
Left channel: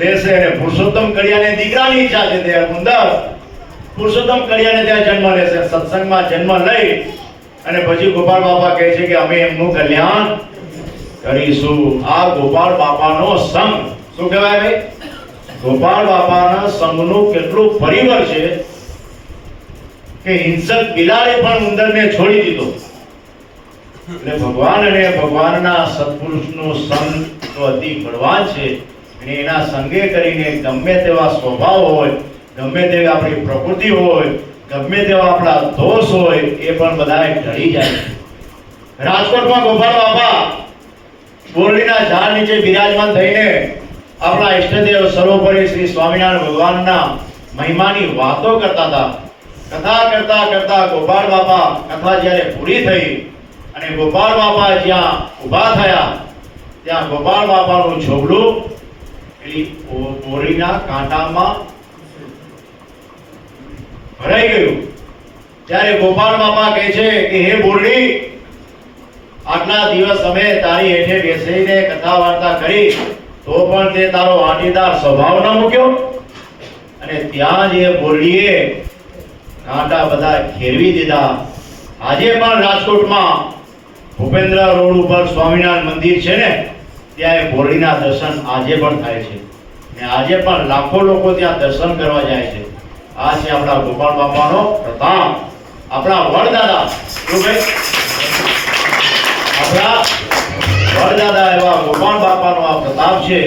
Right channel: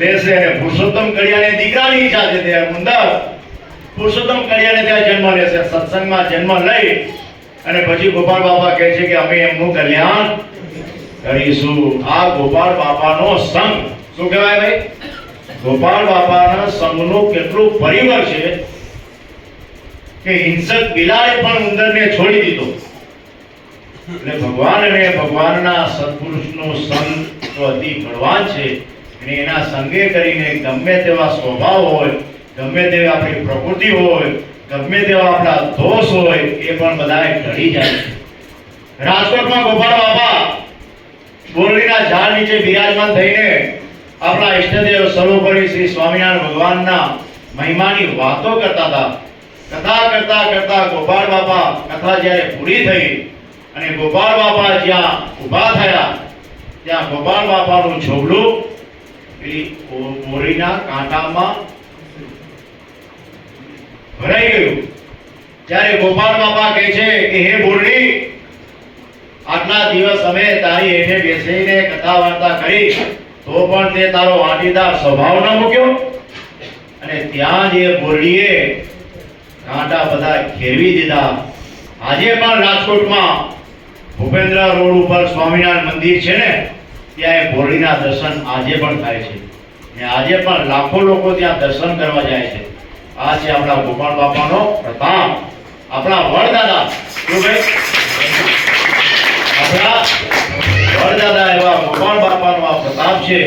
લેશે. અને પુરુષોત્તમ કળિયાને દીકરાની ઈચ્છા છે ત્યારે ઉંદર પુરુષોત્તમ કળિયાને ત્યાં જન્મ લેશે. સત્સંગમાં જન્મ લઈ અને પછી ગોપાળ બાપા કહે છે કે અમે એમનું કલ્યાણ કરીશું. આ ગોપાળ બાપાનો સંગ શું કહેવાય ભાઈ? ગોપાળ બાપાના સંગનું કેટલું પરિવાર છે કે હિંસક બિલાડી પણ ઉંદરને છોડી દીધો. એટલે ભગવાન અને ભગવાનના સત્પુરુષનો સંગ તો અતિ બળવાન છે. અને એના સંગે કરીને ગમે તેવા સ્વભાવ હોય, ગમે તેવી આપણી પ્રકૃતિ હોય, ગમે તેવા આપણા દોષ હોય, એ પણ બધાએ ઢળી જાય. રાજકોટમાં ગોપાળ બાપા બોરડીના ઝાડ નીચે બિરાજમાન થઈને આપણા ઈષ્ટદેવ સર્વોપરી શ્રી સ્વામિનારાયણ ભગવાનના મહિમાની વાતો કરતા હતા. કથા કરતા કરતા ગોપાળ બાપા કથા જ્યારે પૂરી થઈ અને ગોપાળ બાપા જ્યાં ઊભા થયા ત્યાં ગોપાળ બાપાનું ઝોગડું બોરીના કાંટામાં ભરાઈ ગયું. ત્યારે ગોપાળ બાપા કહે છે કે હે બોરડી, આટલા દિવસ અમે તારી હેઠે બેસીને કથા વાર્તા કરી તો પણ તે તારો વાટીદાર સ્વભાવ ન મૂક્યો. અને ત્યાં જે બોરડીએ કાંટા બધા ખેરવી દીધા. આજે પણ રાજકોટમાં ભૂપેન્દ્ર રોડ ઉપર સ્વામિનારાયણ મંદિર છે ને, ત્યાં એ બોરડીના દર્શન આજે પણ થાય છે. અને આજે પણ લાખો લોકો ત્યાં દર્શન કરવા જાય છે. આ છે આપણા ગોપાળ બાપાનો પ્રતાપ, આપણા વડદાદા. આપણા વડદાદા એવા ગોપાળ બાપાનો આ પ્રતાપ છે.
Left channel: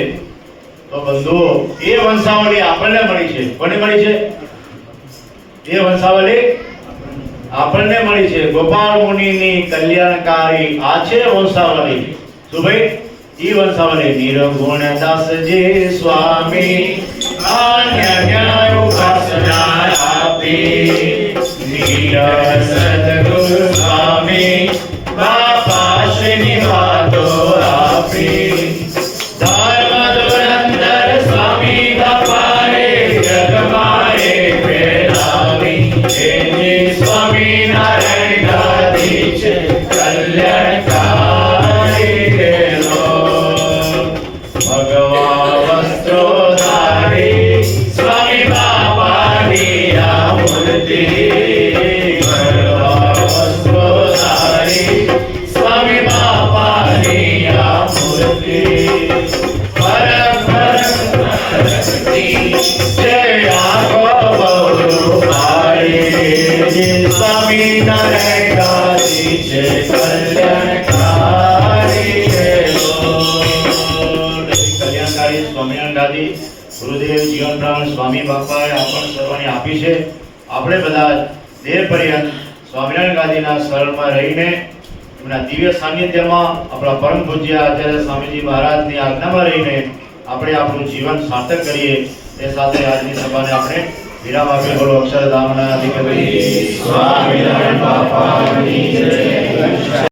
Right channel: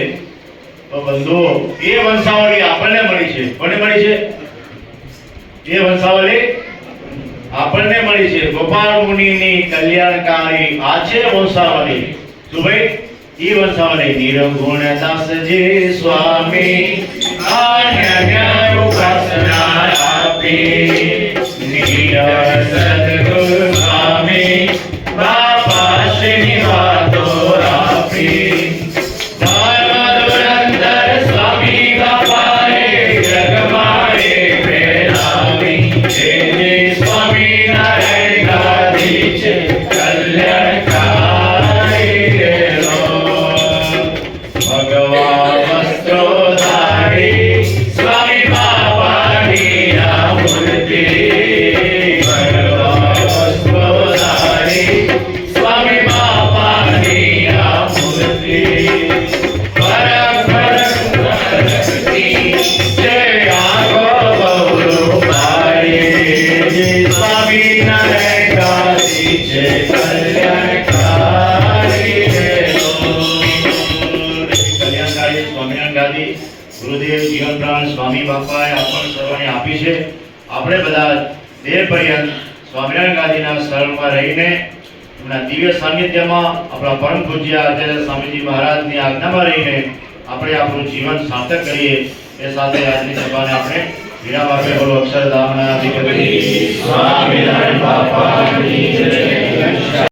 તો બંધુઓ, એ વંશાવલી આપણને મળી છે. કોને મળી છે? એ વંશાવલી આપણને મળી છે. ગોપાળ મુનિની કલ્યાણકારી આ છે વંશાવલી. શું ભાઈ? ઈ વંશાવલી નિર્ગુણ દાસજી સ્વામી અનન્ય ઉપાસના આપી, નિરસ સદગુરુ સ્વામી બાપા શ્રીની વાતો આપી. ધર્મ ધુરંધર સ્વામી બાપાએ જગમાએ ફેલાવી, જે સ્વામિનારાયણ ગાદી છે કલ્યાણકારી ગેલો. ભગવા વસ્ત્રો ધારી સ્વામી બાપાની આ મૂર્તિ, ભગવા વસ્ત્રો ધારી સ્વામી બાપાની આ મૂર્તિ. પરમ ભક્તિ જય આગો બહુ મારી, સ્વામિનારાયણ ગાદી છે કલ્યાણકારી ગેલો. કલ્યાણકારી સ્વામિનારાયણ ગાદી ગુરુદેવ જીવન પ્રાણ સ્વામી બાપાએ આપણને સર્વને આપી છે. આપણે બધા દેહ પર્યંત સ્વામિનારાયણ ગાદીના શરણમાં રહીને એમના દિવ્ય સાનિધ્યમાં આપણા પરમ પૂજ્ય આચાર્ય સ્વામીજી મહારાજની આજ્ઞામાં રહીને આપણે આપણું જીવન સાર્થક કરીએ. એ સાથે આજની સભાને આપણે વિરામ આપીએ. બોલો અક્ષરધામના અધિપતિ સ્વામિનારાયણ બાપાની જય.